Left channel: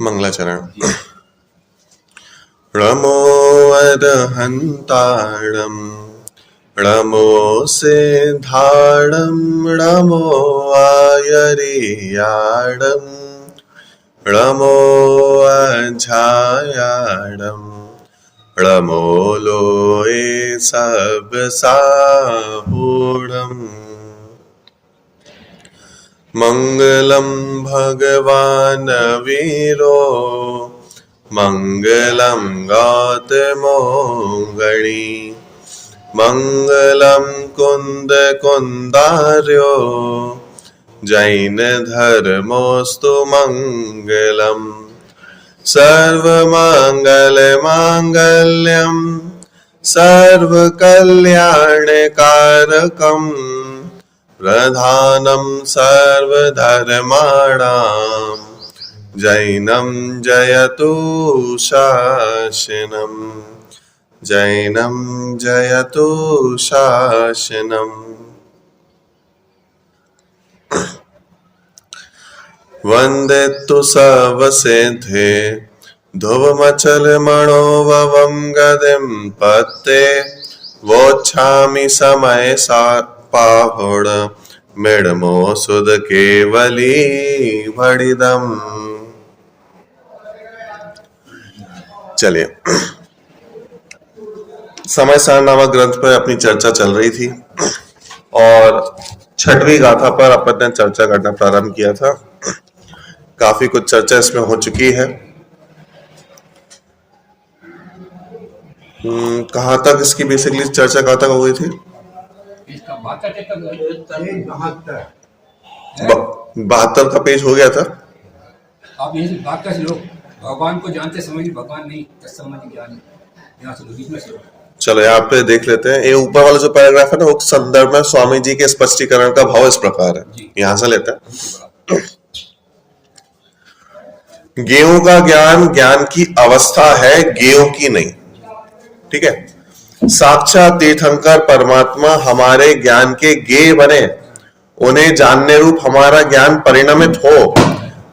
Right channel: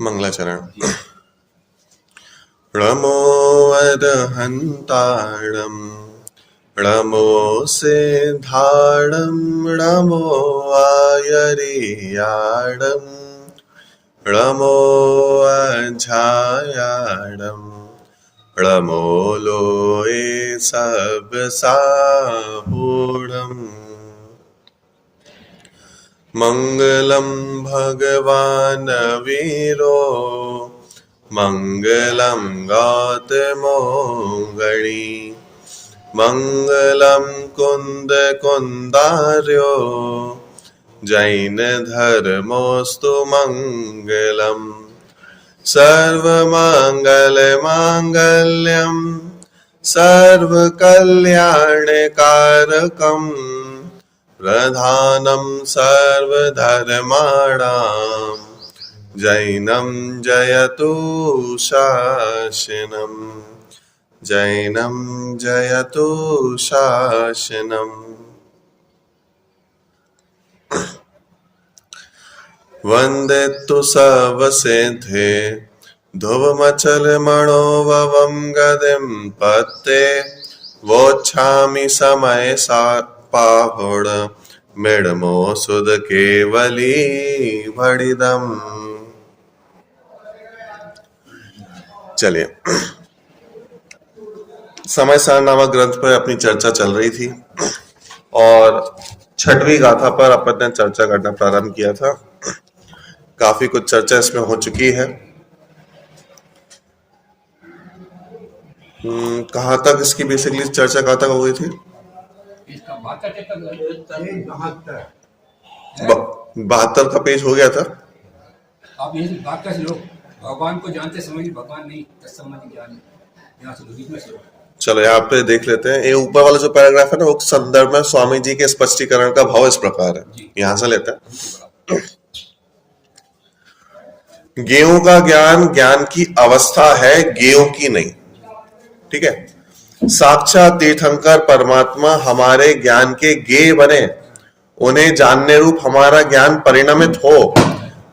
मंगलाचरण। नमो अरहंताणं नमो सिद्धाणं नमो आयर्याणं नमो अजायाणं नमो लोये सबसाहूणम्। मंगलम भगवान वीरो मंगलम गौतमो गणी मंगलम कुंद कुंदार्यो जैन धर्मोस्तु मंगलम सर्वमंगल मांगल्यम सर्वकल्याणकारकम प्रधानं सर्वधर्माणां जैनं जयतु शासनम् जैनं जयतु शासनम्। वन्दे तु सर्वसिद्धे ध्रुवमचलमणोभवं गतिं पत्ते वोच्छामि समय पाहुण मिडमो सुध केवली भड़िदम। चलिए, समय सार नामक ग्रंथ पर अपनी चर्चा चल रही थी और छठवीं गाथा पर अपन ने चर्चा करना प्रारंभ किया था। काफी कुछ चर्चा इसमें हो चुकी है। कहाँ तक इसकी बेसिकली चर्चा कहाँ तक हो गई थी? 72 का पेज हो गया था। आप यही बात कर लो, भगवान को जानते समय भी भगवान नहीं तत्संबंधी ज्ञान। यहाँ से बीच में से चलो यहाँ पे देख लेते हैं। ये ऊपर वाला जो पैराग्राफ है ना, वो संदर्भ में स्वामी जी के स्पष्टीकरण का भाव इस प्रकार है। यहाँ से लेते हैं। गेयों का ज्ञान ज्ञान की अवस्था है, गेयों की नहीं। ठीक है। साक्षात तीर्थंकर परमात्मा हमारे ज्ञान के गेय बने, उन्हें जानने रूप हमारा ज्ञान परिणमित हो,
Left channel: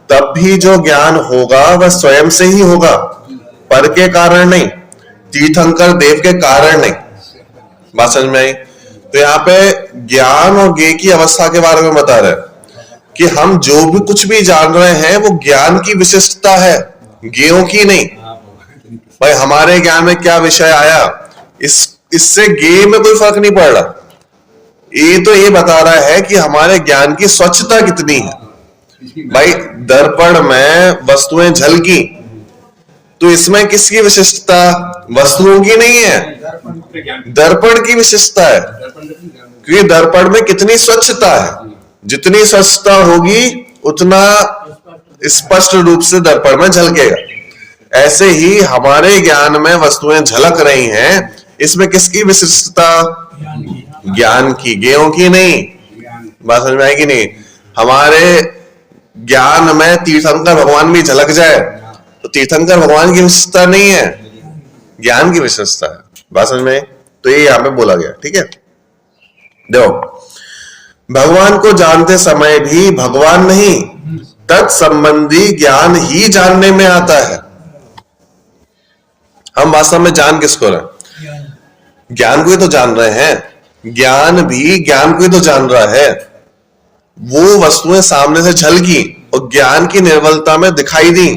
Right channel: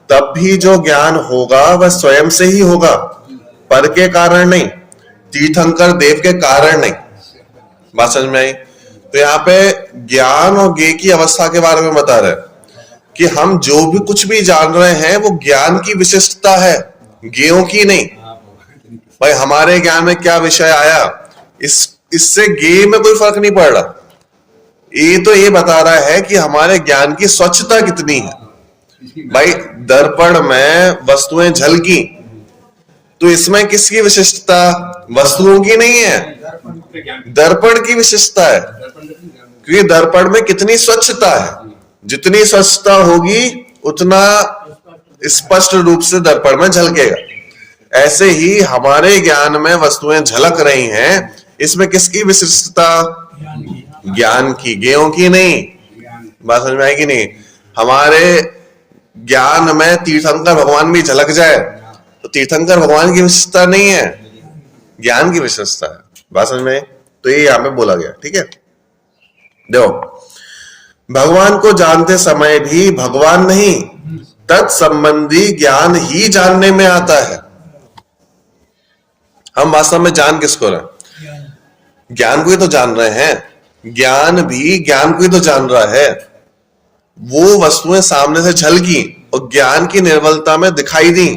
तब भी जो ज्ञान होगा वह स्वयं से ही होगा, पर के कारण नहीं, तीर्थंकर देव के कारण नहीं। बात समझ में आई? तो यहाँ पे ज्ञान और गेय की अवस्था के बारे में बता रहे हैं कि हम जो भी कुछ भी जान रहे हैं वो ज्ञान की विशिष्टता है, गेयों की नहीं। भाई हमारे ज्ञान में क्या विषय आया, इससे गेय में कोई फर्क नहीं पड़ रहा। ये तो ये बता रहा है कि हमारे ज्ञान की स्वच्छता कितनी है। भाई दर्पण में वस्तुएं झलकी, तो इसमें किसकी विशिष्टता? वस्तुओं की नहीं है, दर्पण की विशिष्टता है। क्योंकि दर्पण में कितनी स्वच्छता है, जितनी स्वच्छता होगी उतना स्पष्ट रूप से दर्पण में झलकेगा। ऐसे ही हमारे ज्ञान में वस्तुएं झलक रही हैं, इसमें किसकी विशिष्टता? ज्ञान की, गेयों की नहीं। बात समझ में आएगी नहीं? हमारे ज्ञान में तीर्थंकर भगवान भी झलक जाए तो तीर्थंकर भगवान की विशिष्टता नहीं है, ज्ञान की विशिष्टता है। बात समझ में? तो ये यहां पे बोला गया। ठीक है, देखो, भगवान को जानते समय भी भगवान नहीं, तत्संबंधी ज्ञान ही जानने में आता है। हम वास्तव में जान किसको रहे? ज्ञान को ही तो जान रहे हैं। ज्ञान भी ज्ञान को ही तो जान रहा है। वो वस्तुएं सामने से झलकी और ज्ञान की निर्बलता में दिखाई दी,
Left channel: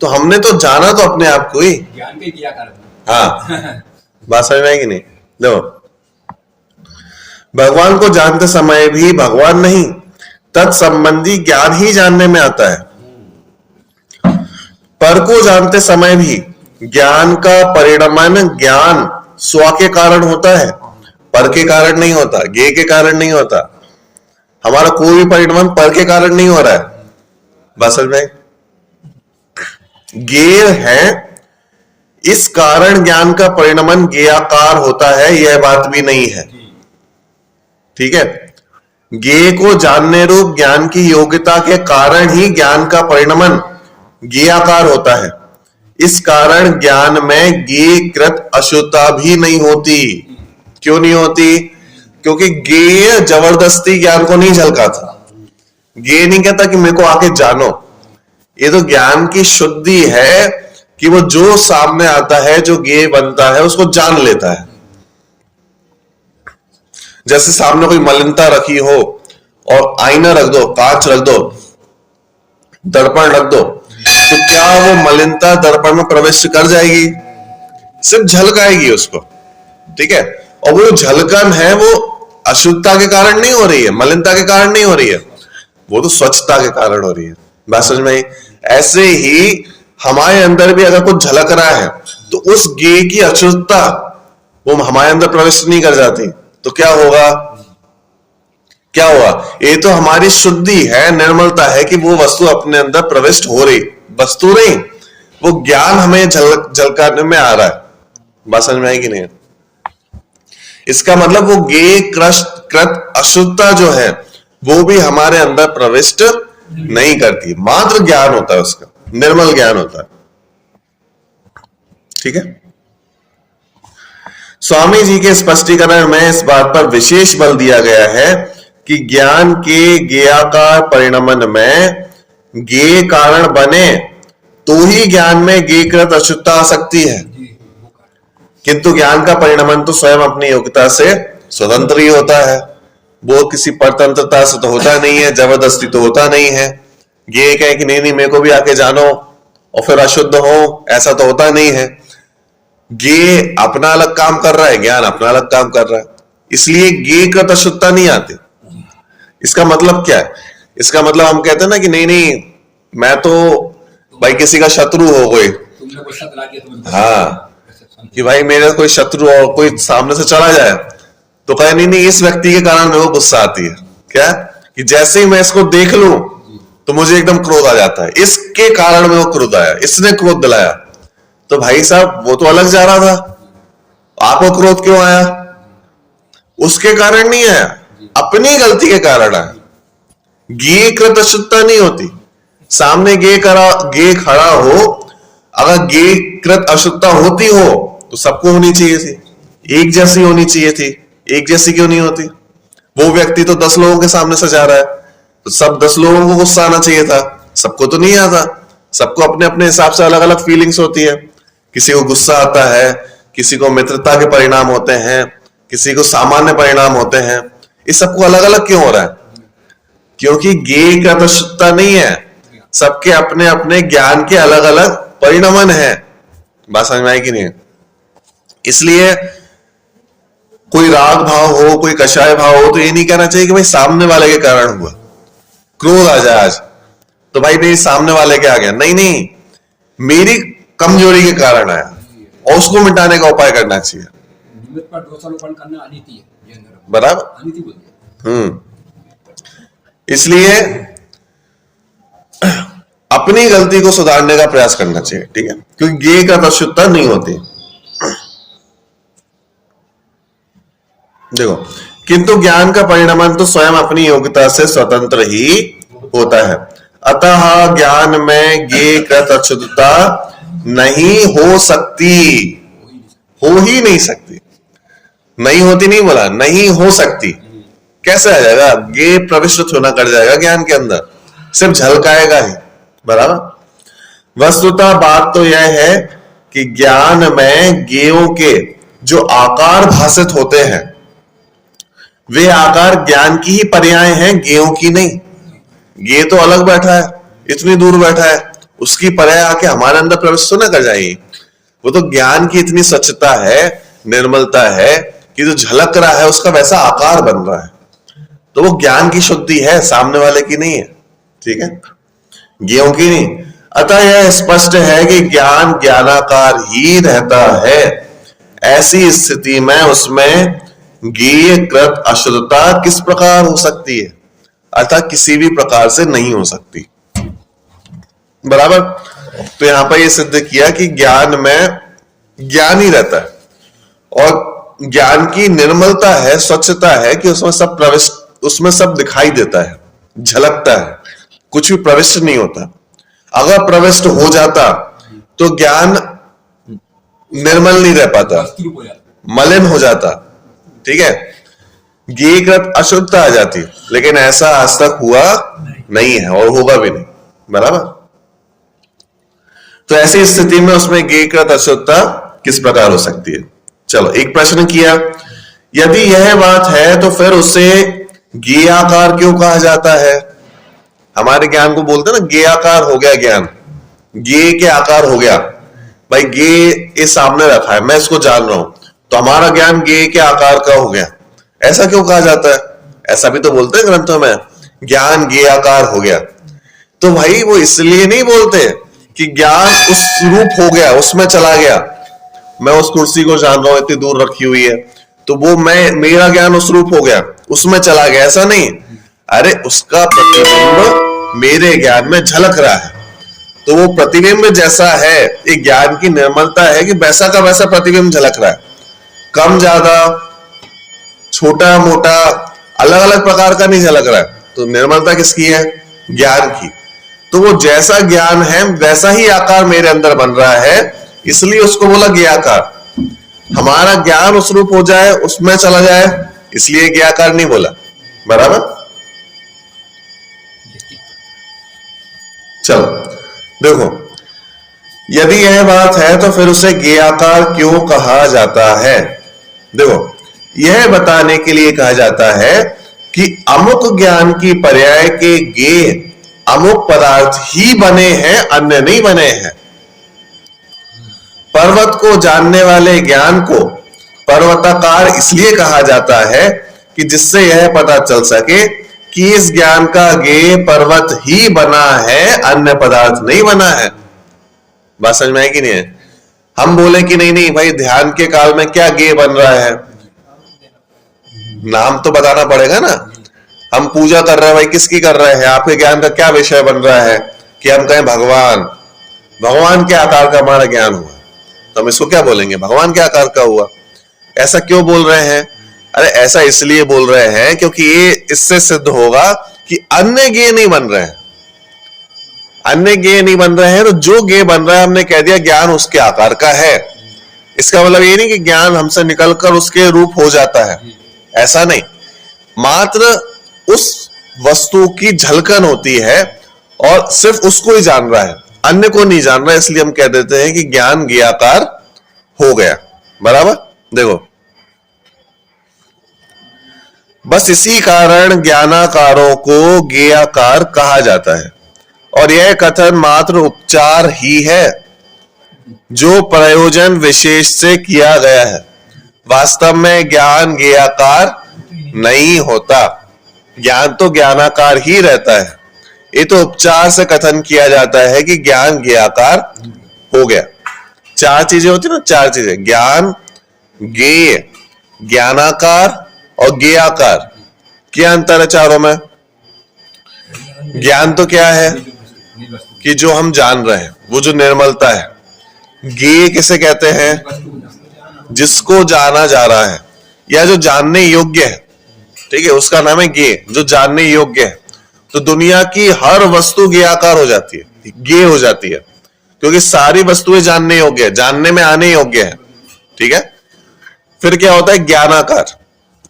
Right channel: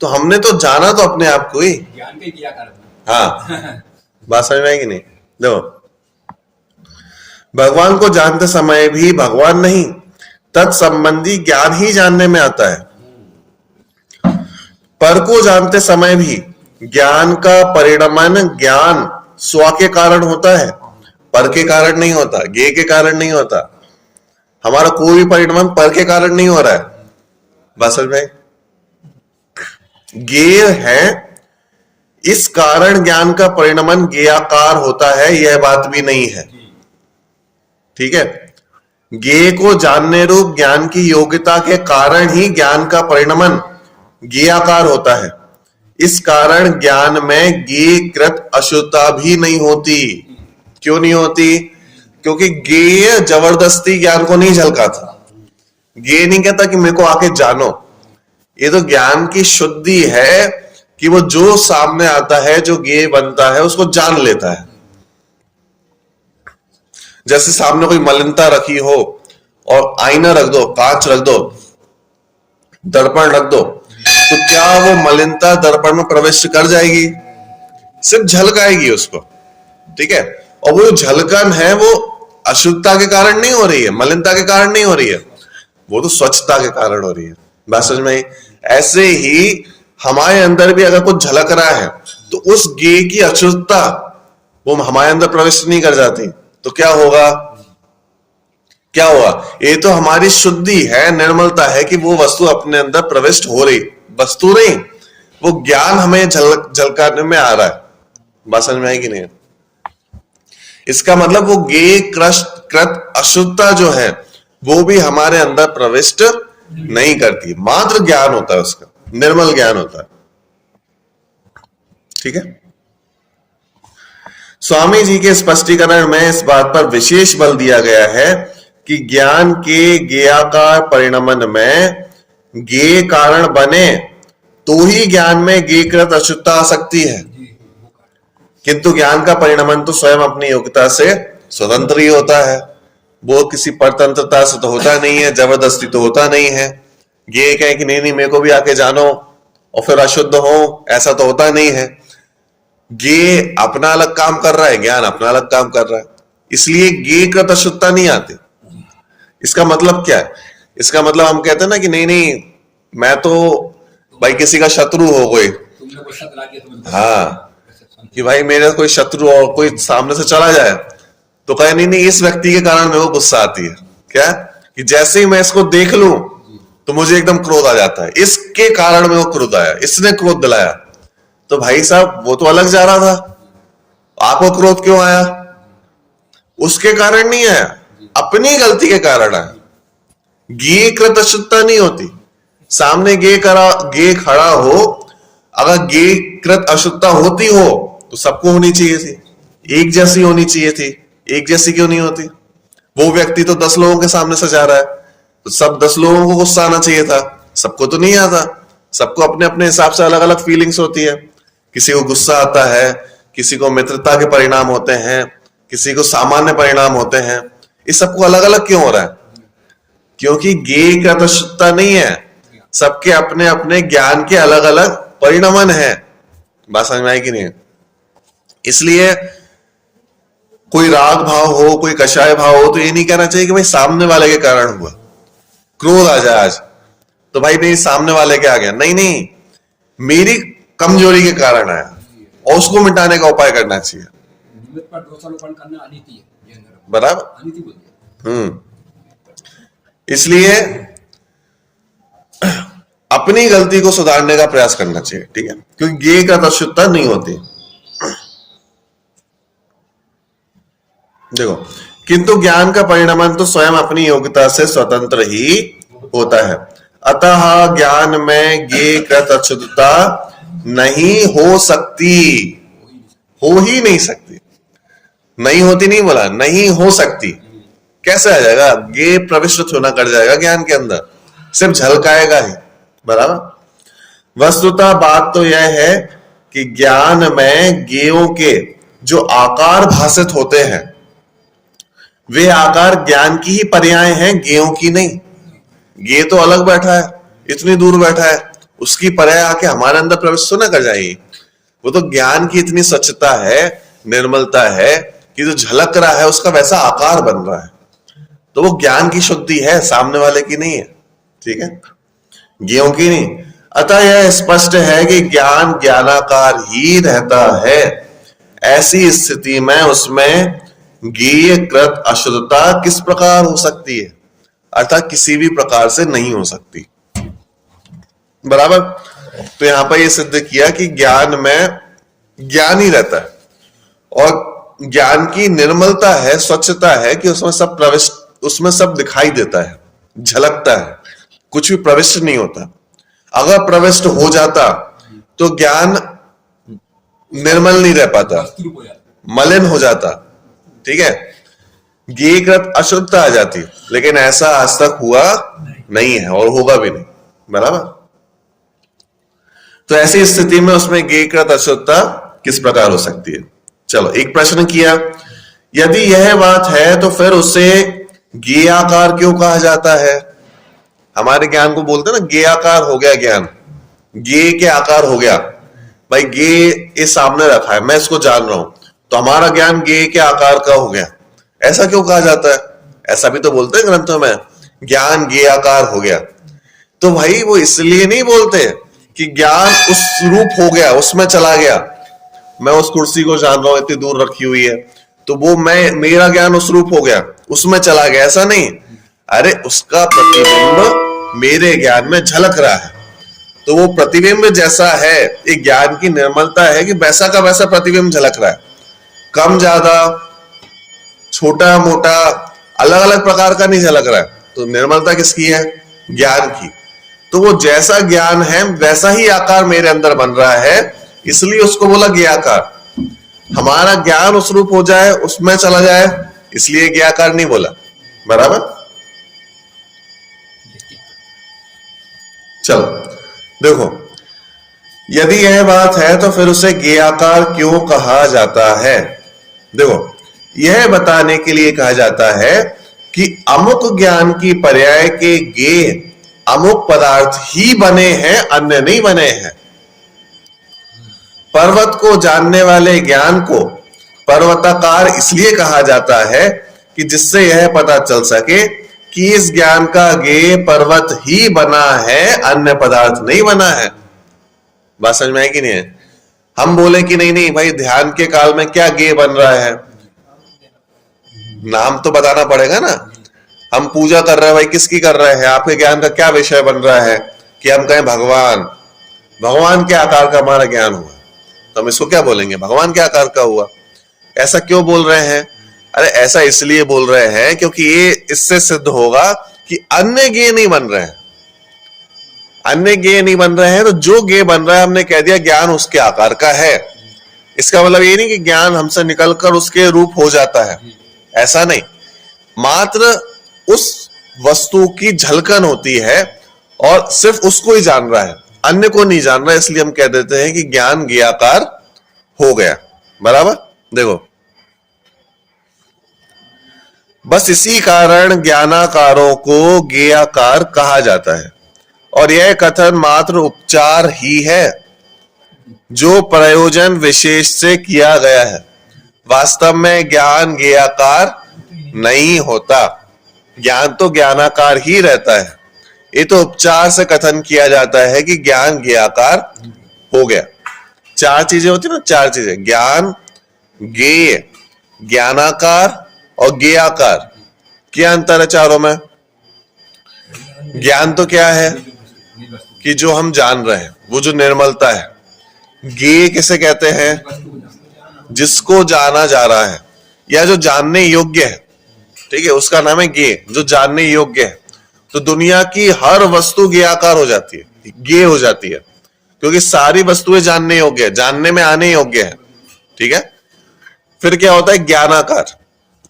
तो हमने तो जाना तो अपने आप को ही, ज्ञान के किया कर। हाँ, बात समझ में आएगी नहीं? देखो, भगवान को जानते समय भी भगवान नहीं, तत्संबंधी ज्ञान ही जानने में आता है। पर को जानते समय भी ज्ञान का परिणमन ज्ञान स्व के कारण होता है, पर के कारण नहीं होता, गेय के कारण नहीं होता। हमारा कोई भी परिणमन पर के कारण नहीं हो रहा है। बस में गेय है, इस कारण ज्ञान का परिणमन गेयाकार होता है, यह बात भी नहीं है। ठीक है, गेय को जानने रूप ज्ञान की योग्यता के कारण ही ज्ञान का परिणमन गेयाकार होता है। इस कारण ज्ञान में गेयकृत अशुद्धता भी नहीं होती। क्यों नहीं होती? क्योंकि गेय जबरदस्ती ज्ञान को नहीं झलकाता। गेय नहीं कहता कि मेरे को आके जानो, ये तो ज्ञान की शुद्धि है कि वो जो सामने आता है, जो ज्ञेय बनता है, उसको जान लेता है। जैसे सामने कोई मलिनता रखी हो और आईना रख दो, कांच रख दो, दर्पण रख दो, तो क्या वो मलिनता दर्पण में प्रवेश कर जाएगी? सिर्फ झलक आएगी उसको, ठीक है। और वो झलकन है वो अशुद्धता के कारण नहीं हो रही है, मलिनता के कारण नहीं हो रही है, वो तो स्वच्छता के कारण हो रही है। बात समझ में आई? ऐसे ही हमारे अंदर भी अगर कुछ झलक रहा है तो उस ज्ञेय की अशुद्धता वो हमारे अंदर प्रवेश नहीं कर जाती, तो क्या होगा? क्या हुआ? ये तो हमारी शुद्धि है, निर्मलता है कि वो वस्तु अपने अंदर प्रविष्ट हो रही, वस्तु नहीं, वो ज्ञान हमें झलकाने में आ रहा है। बात समझ में आई कि नहीं? इसका मतलब वो ज्ञेय कृत अशुद्धता जो है वो भी हमारे अंदर प्रविष्ट नहीं करती, मात्र ज्ञान होता है, उसका निर्मल ज्ञान होता है, ठीक है। स्वामी जी के स्पष्टीकरण में इस बात पर विशेष बल दिया गया है कि ज्ञान के ज्ञेयाकार परिणमन में ज्ञेय कारण बने तो ही ज्ञान में ज्ञेयकृत अशुद्धता आ सकती है, किंतु ज्ञान का परिणमन तो स्वयं अपनी योग्यता से स्वतंत्र ही होता है। वो किसी परतंत्रता से तो होता नहीं है, जबरदस्ती तो होता नहीं है। ये कहे कि नहीं नहीं मेरे को भी आके जानो और फिर अशुद्ध हो, ऐसा तो होता नहीं है। ये अपना अलग काम कर रहा है, ज्ञान अपना अलग काम कर रहा है, इसलिए ज्ञेय कृत अशुद्धता नहीं आती। इसका मतलब क्या है? इसका मतलब हम कहते हैं ना कि नहीं नहीं मैं तो भाई किसी का शत्रु हो गए, हाँ, कि भाई मेरा कोई शत्रु हो, कोई सामने से चला जाए तो कहे नहीं नहीं इस व्यक्ति के कारण मेरे को गुस्सा आती है। क्या? कि जैसे ही मैं इसको देख लूं तो मुझे एकदम क्रोध आ जाता है, इसके कारण मेरे को क्रोध आया, इसने क्रोध दिलाया। तो भाई साहब वो तो अलग जा रहा था, आपको क्रोध क्यों आया? उसके कारण नहीं आया, अपनी गलती के कारण आया। ज्ञेय कृत अशुद्धता नहीं होती। सामने ज्ञेय खड़ा हो, अगर ज्ञेय कृत अशुद्धता होती हो तो सबको होनी चाहिए थी, एक जैसी होनी चाहिए थी। एक जैसी क्यों नहीं होती? वो व्यक्ति तो 10 लोगों के सामने से जा रहा है तो सब 10 लोगों को गुस्सा आना चाहिए था, सबको तो नहीं आता। सबको अपने अपने हिसाब से अलग अलग फीलिंग्स होती है। किसी को गुस्सा आता है, किसी को मित्रता के परिणाम होते हैं, किसी को सामान्य परिणाम होते हैं। इस सबको अलग अलग क्यों हो रहा है? क्योंकि ज्ञेय का तो शुद्धता नहीं है, सबके अपने अपने ज्ञान के अलग अलग परिणमन है। बात समझ में आई कि नहीं? इसलिए कोई राग भाव हो, कोई कषाय भाव हो तो ये नहीं कहना चाहिए कि भाई सामने वाले के कारण हुआ। क्रोध आ जाए आज तो भाई मेरी सामने वाले के आ गया, नहीं नहीं मेरी कमजोरी के कारण आया और उसको मिटाने का उपाय करना चाहिए। बराबर। इसलिए अपनी गलती को सुधारने का प्रयास करना चाहिए, ठीक है, क्योंकि ज्ञेय का अशुद्धता नहीं होती। देखो, किंतु ज्ञान का परिणमन तो स्वयं अपनी योग्यता से स्वतंत्र ही होता है। अतः ज्ञान में ज्ञेय कृत अशुद्धता नहीं हो सकती, हो ही नहीं सकती। नहीं होती नहीं बोला, नहीं हो सकती। कैसे आ जाएगा? ज्ञेय प्रविष्ट होना कर जाएगा ज्ञान के अंदर, सिर्फ झलकाएगा ही। बराबर। वस्तुतः बात तो यह है कि ज्ञान में ज्ञेयों के जो आकार भाषित होते हैं वे आकार ज्ञान की ही पर्याय हैं, ज्ञेयों की नहीं। ज्ञेय तो अलग बैठा है, इतनी दूर बैठा है, उसकी पर्याय आके हमारे अंदर प्रवेश तो ना कर जाएगी। वो तो ज्ञान की इतनी स्वच्छता है, निर्मलता है कि जो झलक रहा है उसका वैसा आकार बन रहा है, तो वो ज्ञान की शुद्धि है, सामने वाले की नहीं है, ठीक है, ज्ञेयों की नहीं। अतः यह स्पष्ट है कि ज्ञान ज्ञानाकार ही रहता है। ऐसी स्थिति में उसमें ज्ञेय कृत अशुद्धता किस प्रकार हो सकती है? अर्थात किसी भी प्रकार से नहीं हो सकती। बराबर। तो यहां पर यह सिद्ध किया कि ज्ञान में ज्ञान ही रहता है और ज्ञान की निर्मलता है, स्वच्छता है कि उसमें सब प्रविष्ट, उसमें सब दिखाई देता है, झलकता है, कुछ भी प्रविष्ट नहीं होता। अगर प्रविष्ट हो जाता तो ज्ञान निर्मल नहीं रह पाता, मलिन हो जाता, ठीक है, ज्ञेयकृत अशुद्धता आ जाती। लेकिन ऐसा आज तक हुआ नहीं है और होगा भी नहीं। बराबर। तो ऐसी स्थिति में उसमें गे कृत अशुद्धता किस प्रकार हो सकती है? चलो एक प्रश्न किया, यदि यह बात है तो फिर उसे गेयाकार क्यों कहा जाता है? हमारे ज्ञान को बोलते हैं ना, गेयाकार हो गया ज्ञान, गे के आकार हो गया। भाई गे इस सामने रखा है, मैं इसको जान रहा हूं, तो हमारा ज्ञान गे के आकार का हो गया। ऐसा क्यों कहा जाता है? ऐसा भी तो बोलते हैं ग्रंथों में, ज्ञान गे आकार हो गया। तो भाई वो इसलिए नहीं बोलते कि ज्ञान उस रूप हो गया, उसमें चला गया। मैं उस कुर्सी को जान रहा हूं, इतनी दूर रखी हुई है, तो वो मेरा ज्ञान उस रूप हो गया, उसमें चला गया, ऐसा नहीं। अरे उसका प्रतिबिंब मेरे ज्ञान में झलक रहा है, तो वो प्रतिबिंब जैसा है, एक ज्ञान की निर्मलता है कि वैसा का वैसा प्रतिबिंब झलक रहा है, कम ज्यादा, छोटा मोटा, अलग अलग प्रकार का नहीं झलक रहा है। तो निर्मलता किसकी है? ज्ञान की। तो वो जैसा ज्ञान है वैसा ही आकार मेरे अंदर बन रहा है, इसलिए उसको बोला ज्ञाकार। हमारा ज्ञान उस रूप हो जाए, उसमें चला जाए, इसलिए ज्ञाकार नहीं बोला। बराबर? चलो देखो, यदि यह बात है तो फिर उसे ज्ञाकार क्यों कहा जाता है? देखो, यह बताने के लिए कहा जाता है कि अमुक ज्ञान की पर्याय के गे अमुक पदार्थ ही बने हैं, अन्य नहीं बने हैं। पर्वत को जानने वाले ज्ञान को पर्वताकार इसलिए कहा जाता है कि जिससे यह पता चल सके कि इस ज्ञान का गे पर्वत ही बना है, अन्य पदार्थ नहीं बना है। बात समझ में है कि नहीं है? हम बोले कि नहीं नहीं भाई, ध्यान के काल में क्या गे बन रहा है, नाम तो बताना पड़ेगा ना। हम पूजा कर रहे हैं, भाई किसकी कर रहे हैं? आपके ज्ञान का क्या विषय बन रहा है? कि हम कहें भगवान, भगवान के आकार का हमारा ज्ञान हुआ, तो हम इसको क्या बोलेंगे? भगवान के आकार का हुआ। ऐसा क्यों बोल रहे हैं? अरे ऐसा इसलिए बोल रहे हैं क्योंकि ये इससे सिद्ध होगा कि अन्य गे नहीं बन रहे हैं। अन्य गे नहीं बन रहे हैं, तो जो गे बन रहा है हमने कह दिया ज्ञान उसके आकार का है। इसका मतलब ये नहीं कि ज्ञान हमसे निकलकर उसके रूप हो जाता है, ऐसा नहीं। मात्र उस वस्तु की झलकन होती है और सिर्फ उसको ही जान रहा है, अन्य को नहीं जान रहा, इसलिए हम कह देते हैं कि ज्ञान ज्ञाकार हो गया। बराबर? देखो, बस इसी कारण ज्ञानाकारों को ज्ञाकार कहा जाता है, और यह कथन मात्र उपचार ही है जो प्रयोजन विशेष से किया गया है। वास्तव में ज्ञान ज्ञाकार नहीं होता, ज्ञान तो ज्ञानाकार ही रहता है। ये तो उपचार से कथन किया जाता है कि ज्ञान ज्ञाकार हो गया। चार चीजें होती है ना, चार चीजें, ज्ञान, ज्ञेय, ज्ञानाकार और ज्ञेयाकार। क्या अंतर है चारों में? ज्ञान तो क्या है कि जो हम जान रहे हैं, वो जो निर्मलता है। ज्ञेय किसे कहते हैं? जिसको जाना जा रहा है या जो जानने योग्य है, ठीक है, उसका नाम है ज्ञेय, जो जानने योग्य है। तो दुनिया की हर वस्तु ज्ञेयाकार हो जाती है, ज्ञेय हो जाती है, क्योंकि सारी वस्तुएं जानने योग्य है, जानने में आने योग्य है। ठीक है, फिर क्या होता है? ज्ञानाकार।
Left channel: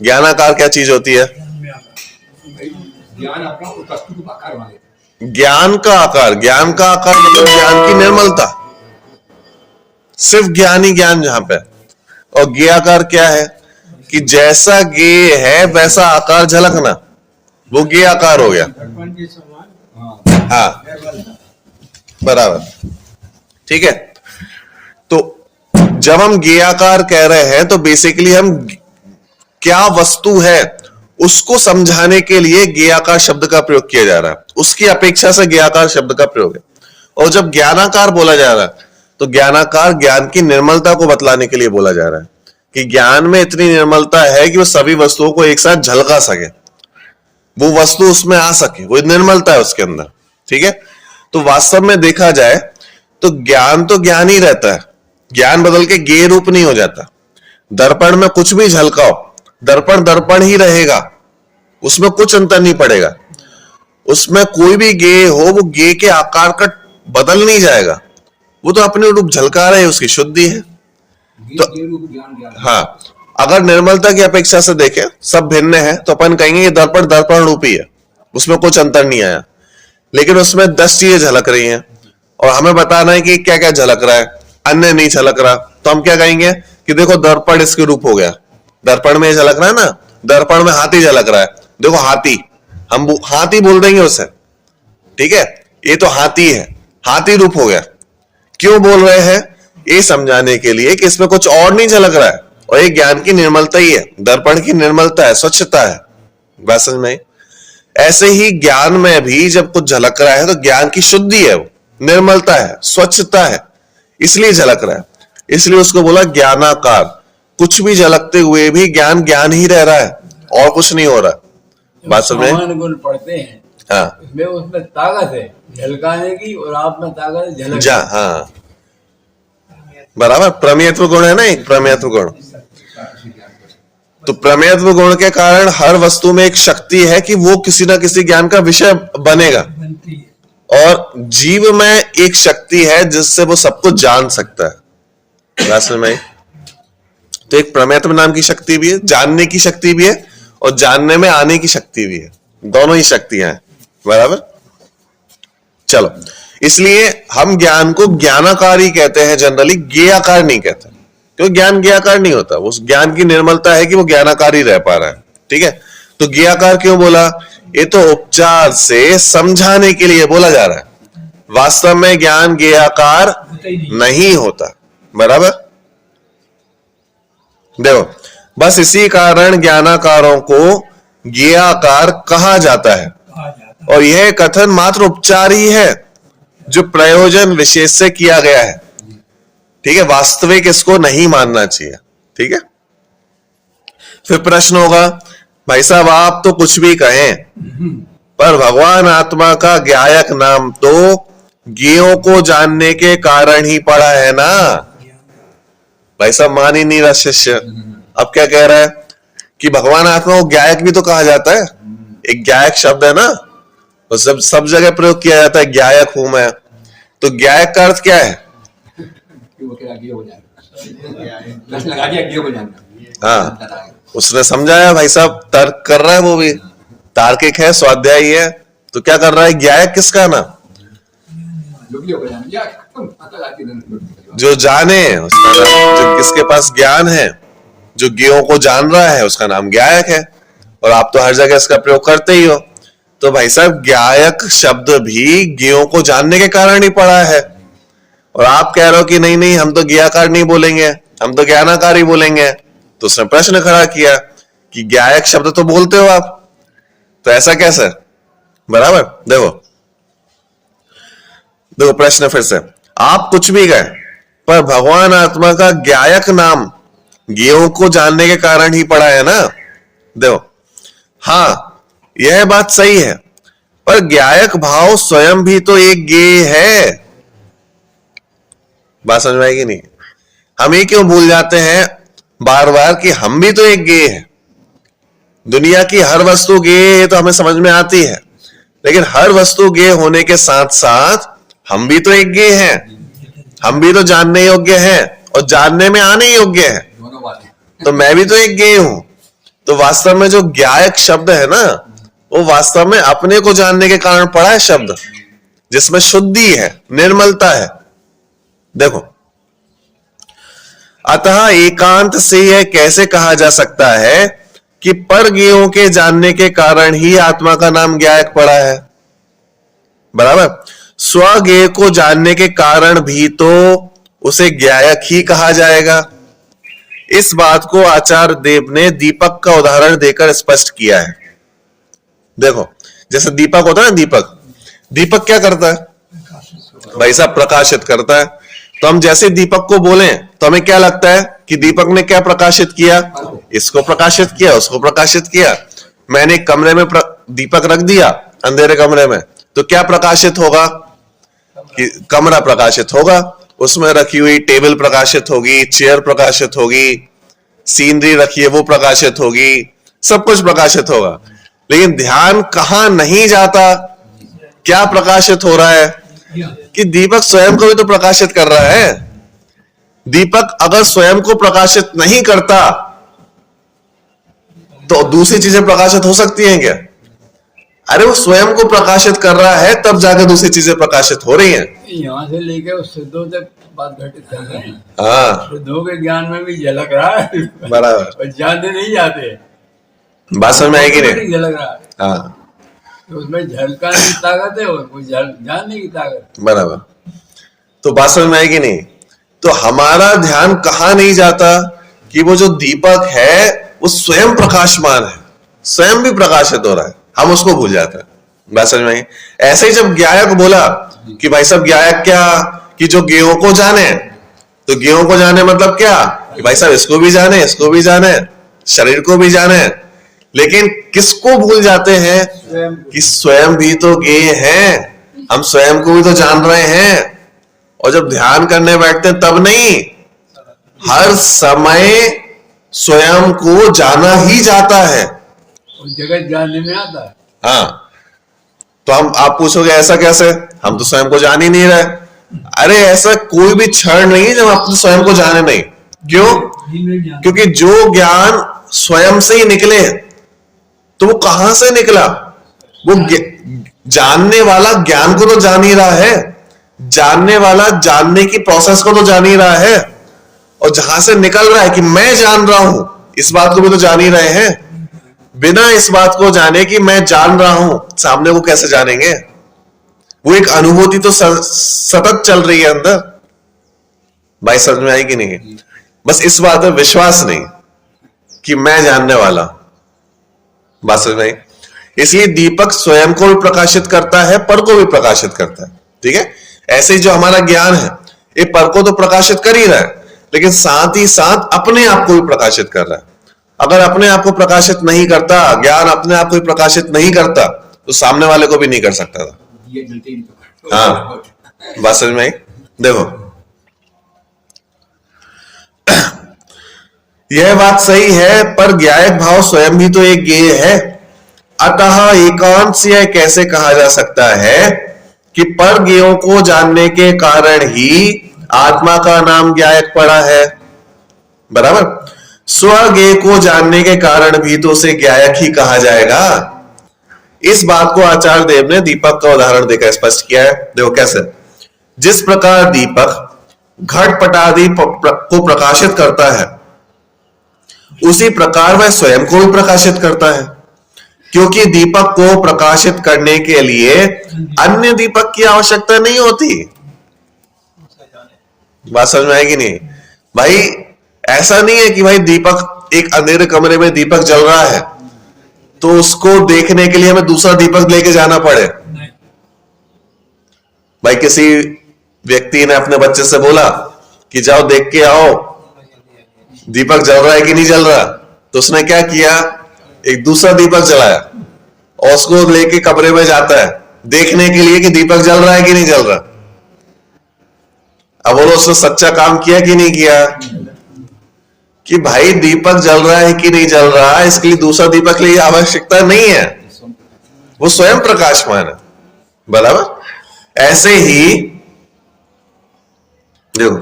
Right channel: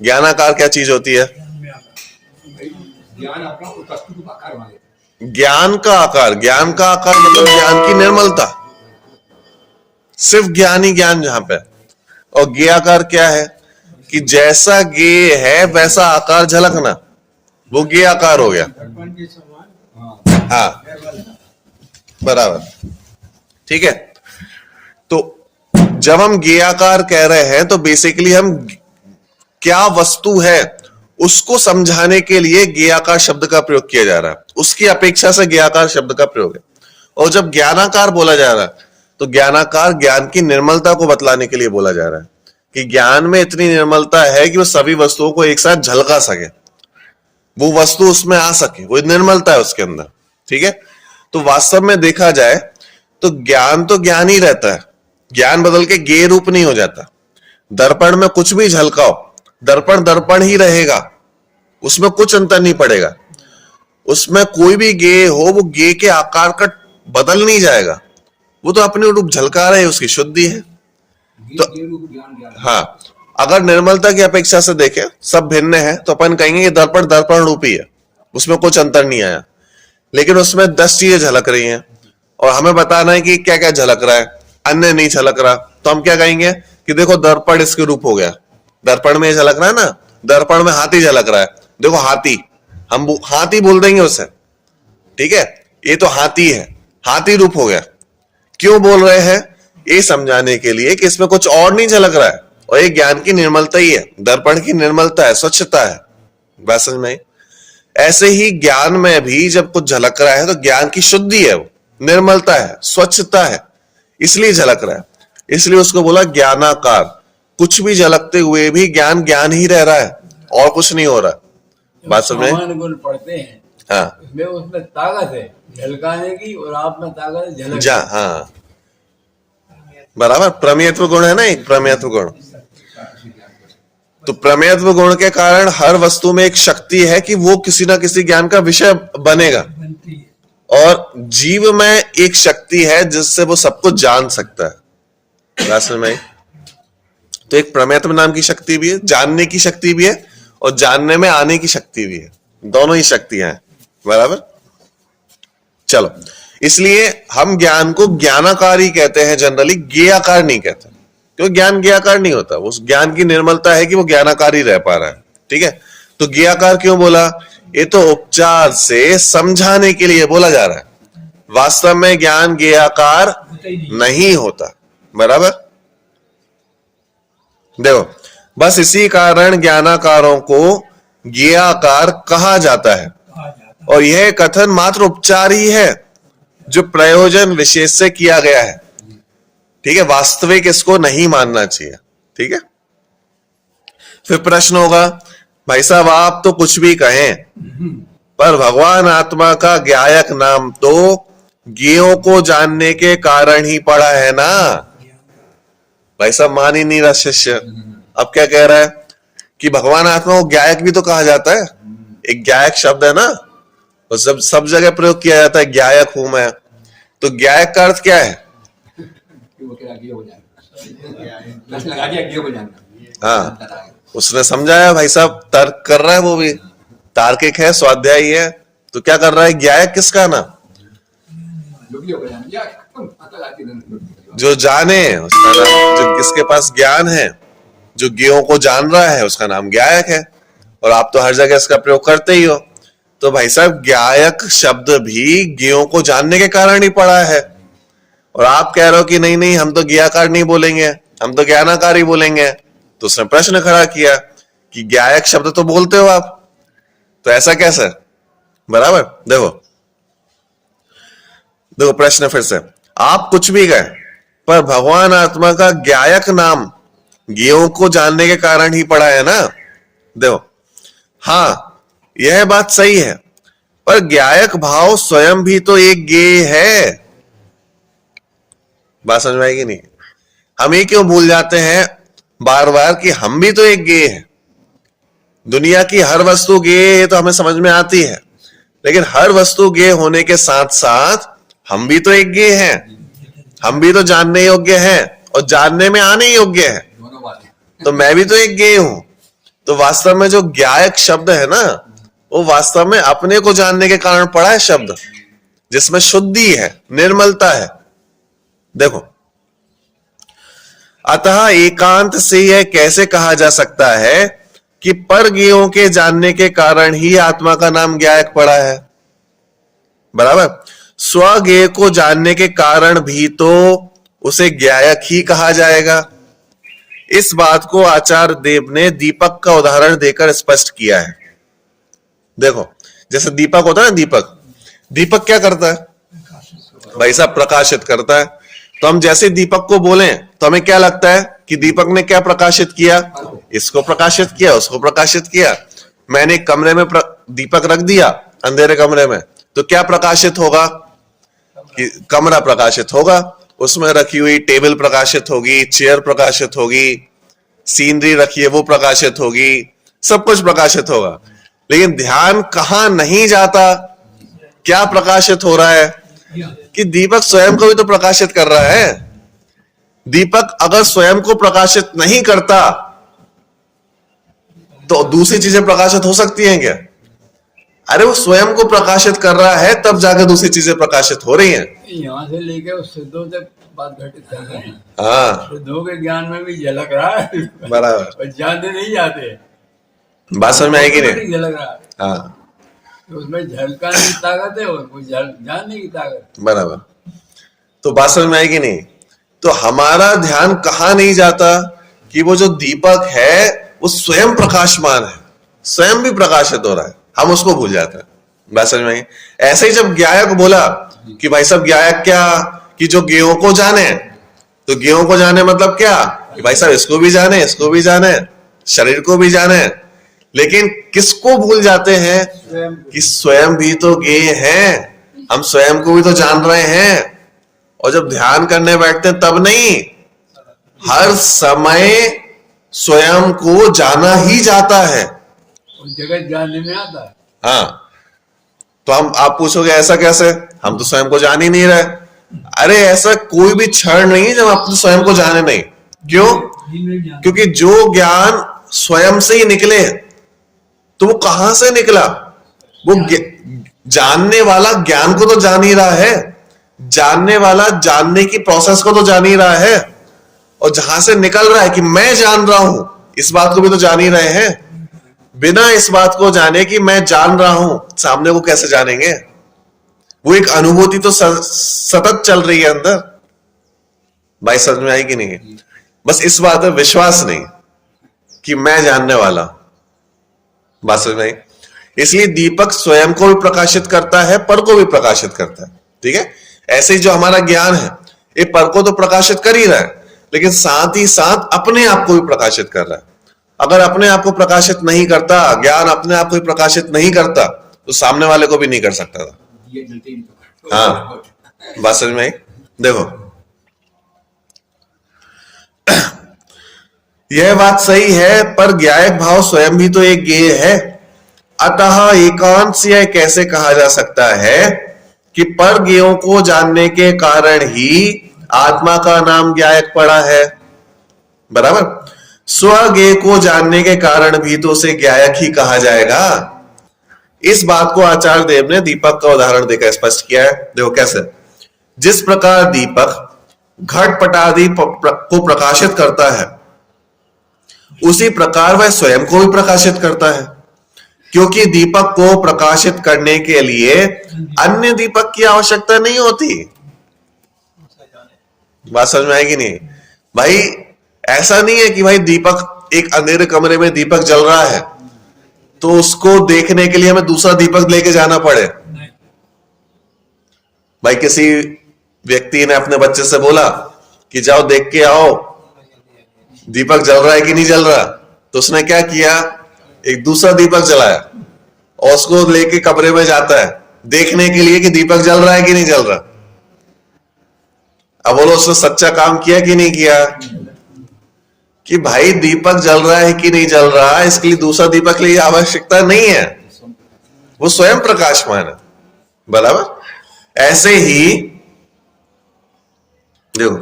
ज्ञानाकार क्या चीज होती है? ज्ञान अपना उस वस्तु को आकार बना देता है। ज्ञान का आकार, ज्ञान का आकार मतलब ज्ञान की निर्मलता, सिर्फ ज्ञान ही ज्ञान जहां पे। और ज्ञेयाकार क्या है? कि जैसा ज्ञेय है वैसा आकार झलकना, वो ज्ञेय आकार हो गया। हाँ, बराबर, ठीक है। तो जब हम ज्ञेयाकार कह रहे हैं तो बेसिकली हम क्या वस्तु है उसको समझाने के लिए ज्ञेयाकार शब्द का प्रयोग किया जा रहा है, उसकी अपेक्षा से ज्ञेयाकार शब्द का प्रयोग है। और जब ज्ञानाकार बोला जा रहा है तो ज्ञानाकार ज्ञान की निर्मलता को बतलाने के लिए बोला जा रहा है कि ज्ञान में इतनी निर्मलता है कि वो सभी वस्तुओं को एक साथ झलका सके, वो वस्तु उसमें आ सके, वो निर्मलता है उसके अंदर। ठीक है, तो वास्तव में देखा जाए तो ज्ञान ही रहता है, ज्ञान बदल के ज्ञेय रूप नहीं हो जाता। दर्पण में कुछ भी झलकाओ, दर्पण दर्पण ही रहेगा, उसमें कुछ अंतर नहीं पड़ेगा। उसमें कोई भी ज्ञेय हो, वो ज्ञेय के आकार का बदल नहीं जाएगा, वो तो अपने रूप झलका रहे, उसकी शुद्धि है। तो हाँ, अगर निर्मलता की अपेक्षा से देखें, सब भिन्न है, तो अपन कहेंगे कि दर्पण दर्पण रूप ही है, उसमें कुछ अंतर नहीं आया। लेकिन उसमें 10 चीजें झलक रही हैं, और हमें बताना है कि क्या क्या झलक रहा है, अन्य नहीं झलक रहा, तो हम क्या कहेंगे कि देखो दर्पण इसके रूप हो गया, दर्पण में झलक रहा है ना, दर्पण में हाथी झलक रहा है, देखो हाथी, हम हाथी बोल देंगे उसे, ठीक है, ये तो हाथी है, हाथी रूप हो गया। क्यों बोल रहे हैं? ये समझाने के लिए कि इसमें कुछ और नहीं झलक रहा है, और ये ज्ञान की निर्मलता ही है, दर्पण की निर्मलता है, स्वच्छता है। बात समझ में? ऐसे ही ज्ञान में भी जब कुछ झलक रहा है तो ज्ञान की शुद्धि है, वो निर्मलता है, स्वच्छता है, इसलिए झलक रहा है। इसलिए उसको बोला ज्ञानाकार। कुछ भी झलकते हुए भी ज्ञान ज्ञान ही रह रहा है, और कुछ नहीं हो रहा। बात समझ में? सामान्य गुण पढ़ते हैं, हाँ उसमें उसमें ताकत है झलकाने की, और आप में ताकत है झलक जा, हाँ बराबर। प्रमेयत्व गुण है ना, एक प्रमेयत्व गुण। तो प्रमेयत्व गुण के कारण हर वस्तु में एक शक्ति है कि वो किसी ना किसी ज्ञान का विषय बनेगा, बनती है। और जीव में एक शक्ति है जिससे वो सब कुछ जान सकता है। बात समझ में? तो एक प्रमेयत्व नाम की शक्ति भी है, जानने की शक्ति भी है, और जानने में आने की शक्ति भी है, दोनों ही शक्तियां हैं। बराबर। चलो, इसलिए हम ज्ञान को ज्ञानाकार ही कहते हैं जनरली, ज्ञेयाकार नहीं कहते, क्योंकि ज्ञान ज्ञेयाकार नहीं होता। उस ज्ञान की निर्मलता है कि वो ज्ञानाकार ही रह पा रहा है, ठीक है। तो ज्ञेयाकार क्यों बोला? ये तो उपचार से समझाने के लिए बोला जा रहा है, वास्तव में ज्ञान ज्ञेयाकार होता ही नहीं। नहीं होता। बराबर। देखो, बस इसी कारण ज्ञानाकारों को ज्ञेयाकार कहा जाता है, कहा जाता है। और यह कथन मात्र उपचार ही है जो प्रयोजन विशेष से किया गया है, ठीक है। वास्तविक इसको नहीं मानना चाहिए, ठीक है। फिर प्रश्न होगा, भाई साहब आप तो कुछ भी कहें, पर भगवान आत्मा का ज्ञायक नाम तो ज्ञेयों को जानने के कारण ही पड़ा है ना। भाई साहब मान ही नहीं रहा शिष्य। अब क्या कह रहा है कि भगवान आत्मा को ज्ञायक भी तो कहा जाता है, एक ज्ञायक शब्द है ना, तो सब जगह प्रयोग किया जाता है, ज्ञायक हूं मैं। तो ज्ञायक का अर्थ क्या है? कि वो कह हो जाएगा, प्रश्न लगा दिया गे हो जाएगा। हाँ, उसने समझाया, भाई साहब तर्क कर रहा है, वो भी तार्किक है, स्वाध्यायी है, तो क्या कर रहा है? ज्ञायक किसका ना? जो भी हो जाएगा, या पता लाती नहीं। जो जाने उसका नाम, जो किसके पास ज्ञान है, जो ज्ञेयों को जान रहा है, उसका नाम ज्ञायक है। और आप तो हर जगह इसका प्रयोग करते ही हो। तो भाई साहब ज्ञायक शब्द भी ज्ञेयों को जानने के कारण ही पड़ा है, और आप कह रहे हो कि नहीं नहीं हम तो ज्ञेयाकार नहीं बोलेंगे, हम तो ज्ञानाकार ही बोलेंगे। तो उसने प्रश्न खड़ा किया कि ज्ञायक शब्द तो बोलते हो आप, तो ऐसा कैसे? बराबर। देखो देखो प्रश्न फिर से, आप कुछ भी कहें, पर भगवान आत्मा का ज्ञायक नाम ज्ञेयों को जानने के कारण ही पड़ा है ना। देखो, हाँ यह बात सही है, पर ज्ञायक भाव स्वयं भी तो एक ज्ञेय है। बात समझ में आएगी नहीं? हम ये क्यों भूल जाते हैं बार बार कि हम भी तो एक ज्ञेय है। दुनिया की हर वस्तु ज्ञेय है, ये तो हमें समझ में आती है, लेकिन हर वस्तु ज्ञेय होने के साथ साथ हम भी तो एक ज्ञेय हैं, हम भी तो जानने योग्य हैं, और जानने में आने योग्य है। दोनों बातें। तो मैं भी तो एक ज्ञेय हूं। तो वास्तव में जो ज्ञायक शब्द है ना, वो वास्तव में अपने को जानने के कारण पड़ा है शब्द, जिसमें शुद्धि है, निर्मलता है। देखो, अतः एकांत से यह कैसे कहा जा सकता है कि पर ज्ञेयों के जानने के कारण ही आत्मा का नाम ज्ञायक पड़ा है। बराबर। स्वज्ञेय को जानने के कारण भी तो उसे ज्ञायक ही कहा जाएगा। इस बात को आचार्य देव ने दीपक का उदाहरण देकर स्पष्ट किया है। देखो, जैसे दीपक होता है ना, दीपक क्या करता है? भाई साहब प्रकाशित करता है। तो हम जैसे दीपक को बोलें तो हमें क्या लगता है कि दीपक ने क्या प्रकाशित किया? इसको प्रकाशित किया, उसको प्रकाशित किया। मैंने एक कमरे में दीपक रख दिया, अंधेरे कमरे में, तो क्या प्रकाशित होगा? कि कमरा प्रकाशित होगा, उसमें रखी हुई टेबल प्रकाशित होगी, चेयर प्रकाशित होगी, सीनरी रखी है वो प्रकाशित होगी, सब कुछ प्रकाशित होगा। लेकिन ध्यान कहां नहीं जाता, क्या प्रकाशित हो रहा है? कि दीपक स्वयं को भी तो प्रकाशित कर रहा है। दीपक अगर स्वयं को प्रकाशित नहीं करता तो दूसरी चीजें प्रकाशित हो सकती हैं क्या? अरे वो स्वयं को प्रकाशित कर रहा है, तब जाके दूसरी चीजें प्रकाशित हो रही हैं। कि यहाँ से लेके उस शुद्धों तक बात घटित कर रहे हैं। हाँ शुद्धों के ज्ञान में भी झलक रहा है बराबर, और जानते नहीं जाते, बात समझ में आएगी नहीं? झलक रहा है, हाँ तो उसमें झलकाने की ताकत है और वो जानने की ताकत। बराबर, तो बात समझ में आएगी नहीं? तो हमारा ध्यान कहाँ नहीं जाता कि वो जो दीपक है वो स्वयं प्रकाशमान है, स्वयं भी प्रकाशित हो रहा है, हम उसको भूल जाते हैं। बात समझ में आई? ऐसे ही जब ज्ञायक बोला कि भाई साहब ज्ञायक क्या, कि जो ज्ञेयों को जाने, तो ज्ञेयों को जाने मतलब क्या कि भाई साहब इसको भी जाने, इसको भी जाने, शरीर को भी जाने, लेकिन किसको भूल जाते हैं कि स्वयं भी तो ज्ञेय हैं, हम स्वयं को भी तो जान रहे हैं। और जब ध्यान करने बैठते हैं तब नहीं, हर समय स्वयं को जाना ही जाता है। और जगत जानने में आता है। हाँ, तो आप पूछोगे ऐसा कैसे, हम तो स्वयं को जान ही नहीं रहे। अरे ऐसा कोई भी क्षण नहीं है जब आप तो स्वयं को जाने नहीं। क्यों? क्योंकि जो ज्ञान स्वयं से ही निकले, तो वो कहां से निकला? वो जानने वाला ज्ञान को तो जान ही रहा है, जानने वाला जानने की प्रोसेस को तो जान ही रहा है, और जहां से निकल रहा है कि मैं जान रहा हूं, इस बात को भी तो जान ही रहे हैं। बिना इस बात को जाने कि मैं जान रहा हूं, सामने को कैसे जानेंगे? वो एक अनुभूति तो सतत चल रही है अंदर। भाई समझ में आई कि नहीं? बस इस बात में विश्वास नहीं कि मैं जानने वाला। बात समझ में आई? इसलिए दीपक स्वयं को भी प्रकाशित करता है, पर को भी प्रकाशित करता है। ठीक है, ऐसे ही जो हमारा ज्ञान है ये पर को तो प्रकाशित कर ही रहा है, लेकिन साथ ही साथ अपने आप को भी प्रकाशित कर रहा है। अगर अपने आप को प्रकाशित नहीं करता, ज्ञान अपने आप को भी प्रकाशित नहीं करता, तो सामने वाले को भी नहीं कर सकता था। ये मिलते ही नहीं तो। हाँ, बात समझ में आई? देखो यह बात सही है, पर ज्ञायक भाव स्वयं भी तो एक ज्ञेय है। अतः एकांत से यह कैसे कहा जा सकता है कि पर ज्ञेयों को जानने के कारण ही आत्मा का नाम ज्ञायक पड़ा है। बराबर, स्वज्ञेय को जानने के कारण भी तो उसे ज्ञायक ही कहा जाएगा। इस बात को आचार्य देव ने दीपक का उदाहरण देकर स्पष्ट किया है। देखो कैसे, जिस प्रकार दीपक घटपट आदि को प्रकाशित करता है, उसी प्रकार वह स्वयं को भी प्रकाशित करता है, क्योंकि दीपक को प्रकाशित करने के लिए अन्य दीपक की आवश्यकता नहीं होती। बात समझ में आएगी नहीं? भाई ऐसा नहीं है कि भाई दीपक, एक अंधेरे कमरे में दीपक जल रहा है तो उसको देखने के लिए हमें दूसरा दीपक लेके जाना पड़े। भाई किसी व्यक्ति ने अपने बच्चे से बोला कि जाओ देख के आओ दीपक जल रहा है कि नहीं जल रहा, तो उसने क्या किया, एक दूसरा दीपक जलाया और उसको लेके कमरे में जाता है देखने के लिए कि दीपक जल रहा है कि नहीं जल रहा। अब बोलो उसने सच्चा काम किया कि नहीं किया? कि भाई दीपक जल रहा है कि नहीं जल रहा, इसके लिए दूसरा दीपक लिए आवश्यकता नहीं है, वो स्वयं प्रकाशमान है। बराबर, ऐसे ही देखो,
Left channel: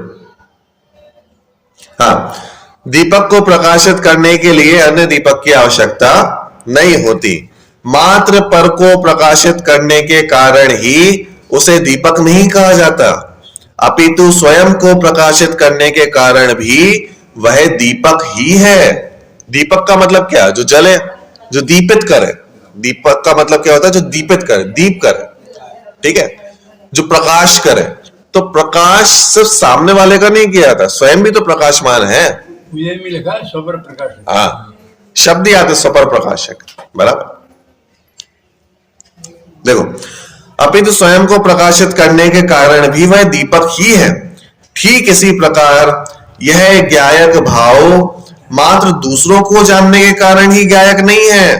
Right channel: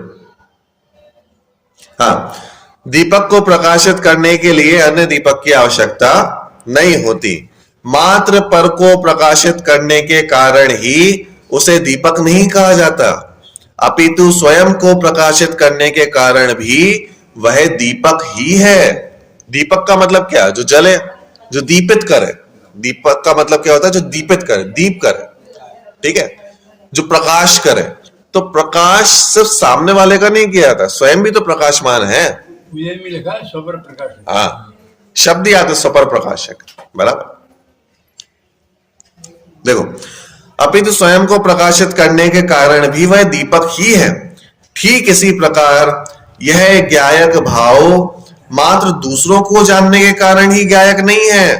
हाँ, दीपक को प्रकाशित करने के लिए अन्य दीपक की आवश्यकता नहीं होती। मात्र पर को प्रकाशित करने के कारण ही उसे दीपक नहीं कहा जाता, अपितु स्वयं को प्रकाशित करने के कारण भी वह दीपक ही है। दीपक का मतलब क्या? जो जले, जो दीपित करे। दीपक का मतलब क्या होता है? जो दीपित करे, दीप करे। ठीक है, जो प्रकाश करे। तो प्रकाश सिर्फ सामने वाले का नहीं किया जाता, स्वयं भी तो प्रकाशमान है। मुझे भी लिखा है स्वपर प्रकाशक। हाँ, शब्द ही आते स्वपर प्रकाशक। बराबर, देखो, अपितु स्वयं को प्रकाशित करने के कारण भी वह दीपक ही है। ठीक इसी प्रकार यह ज्ञायक भाव मात्र दूसरों को जानने के कारण ही ज्ञायक नहीं है,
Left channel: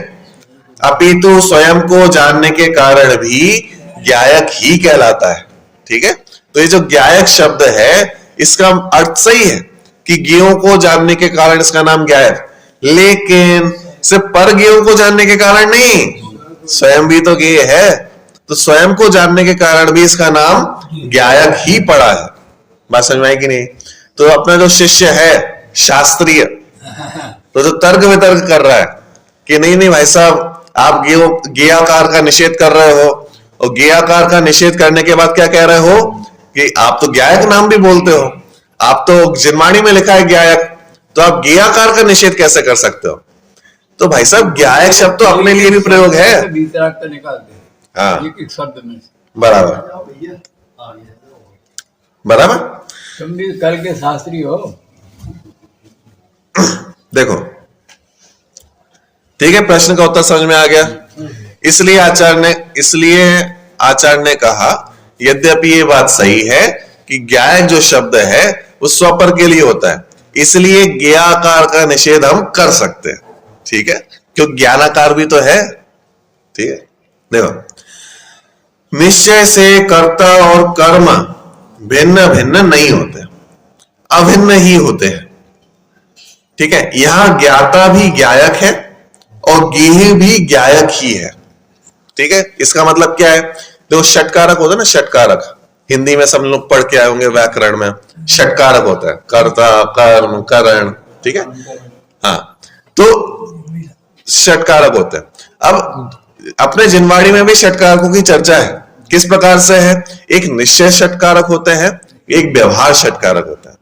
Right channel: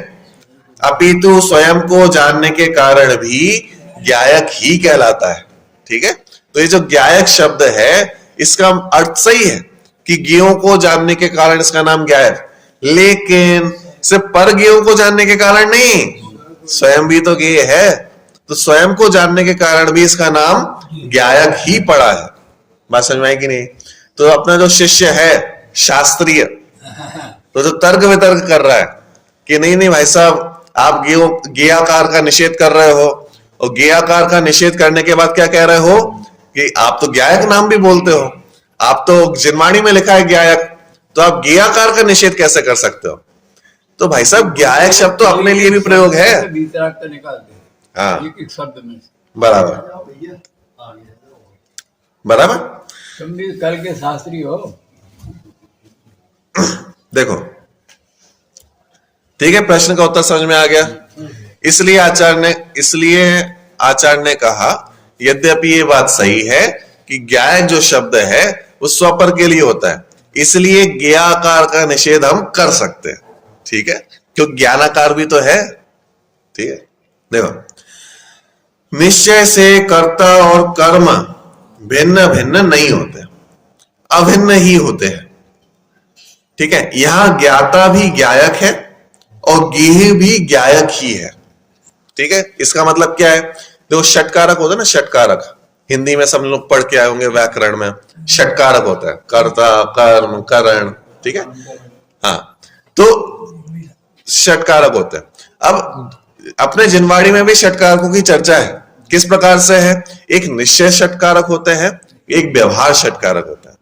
अपितु स्वयं को जानने के कारण भी ज्ञायक ही कहलाता है। ठीक है, तो ये जो ज्ञायक शब्द है इसका अर्थ सही है कि ज्ञेयों को जानने के कारण इसका नाम ज्ञायक, लेकिन सिर्फ पर ज्ञेयों को जानने के कारण नहीं, स्वयं भी तो ज्ञेय है, तो स्वयं को जानने के कारण भी इसका नाम ज्ञायक ही पड़ा है। बात समझ में आई कि नहीं? तो अपना जो शिष्य है शास्त्रीय, तो जो तर्क वितर्क कर रहा है कि नहीं नहीं भाई साहब आप ज्ञेयाकार का निषेध कर रहे हो, और ज्ञेयाकार का निषेध करने के बाद क्या कह रहे हो कि आप तो ज्ञायक नाम भी बोलते हो, आप तो जिनवाणी में लिखा है ज्ञायक, तो आप ज्ञेयाकार का निषेध कैसे कर सकते हो? तो भाई साहब ज्ञायक शब्द तो अपने लिए भी प्रयोग है। वीतराग निकालते हैं हाँ एक शब्द में। बराबर बराबर। तुम भी कल के शास्त्री हो। देखो ठीक है, प्रश्न का उत्तर समझ में आ गया। इसलिए आचार्य ने कहा यद्यपि ये बात सही है कि ज्ञायक जो शब्द है वो स्वपर के लिए होता है, इसलिए ज्ञेयाकार का निषेध हम कर सकते हैं, ठीक है, क्योंकि ज्ञानाकार भी तो है। ठीक है, देखो निश्चय से कर्ता और कर्म भिन्न भिन्न नहीं होते, अभिन्न ही होते हैं। ठीक है, यहां ज्ञाता भी ज्ञायक है और गेह भी ज्ञायक ही है। ठीक है, इसका मतलब क्या है? देखो षटकारक होता है ना, षटकारक हिंदी में सब लोग पढ़ के आए होंगे व्याकरण में। षटकारक होता है कर्ता, कर्म, करण। ठीक है, हाँ, तो षटकारक होते हैं। अब अपने जिनवाणी में भी षटकारकों की चर्चा है। किस प्रकार से है? एक निश्चय षटकारक होते हैं, एक व्यवहार षटकारक होता है।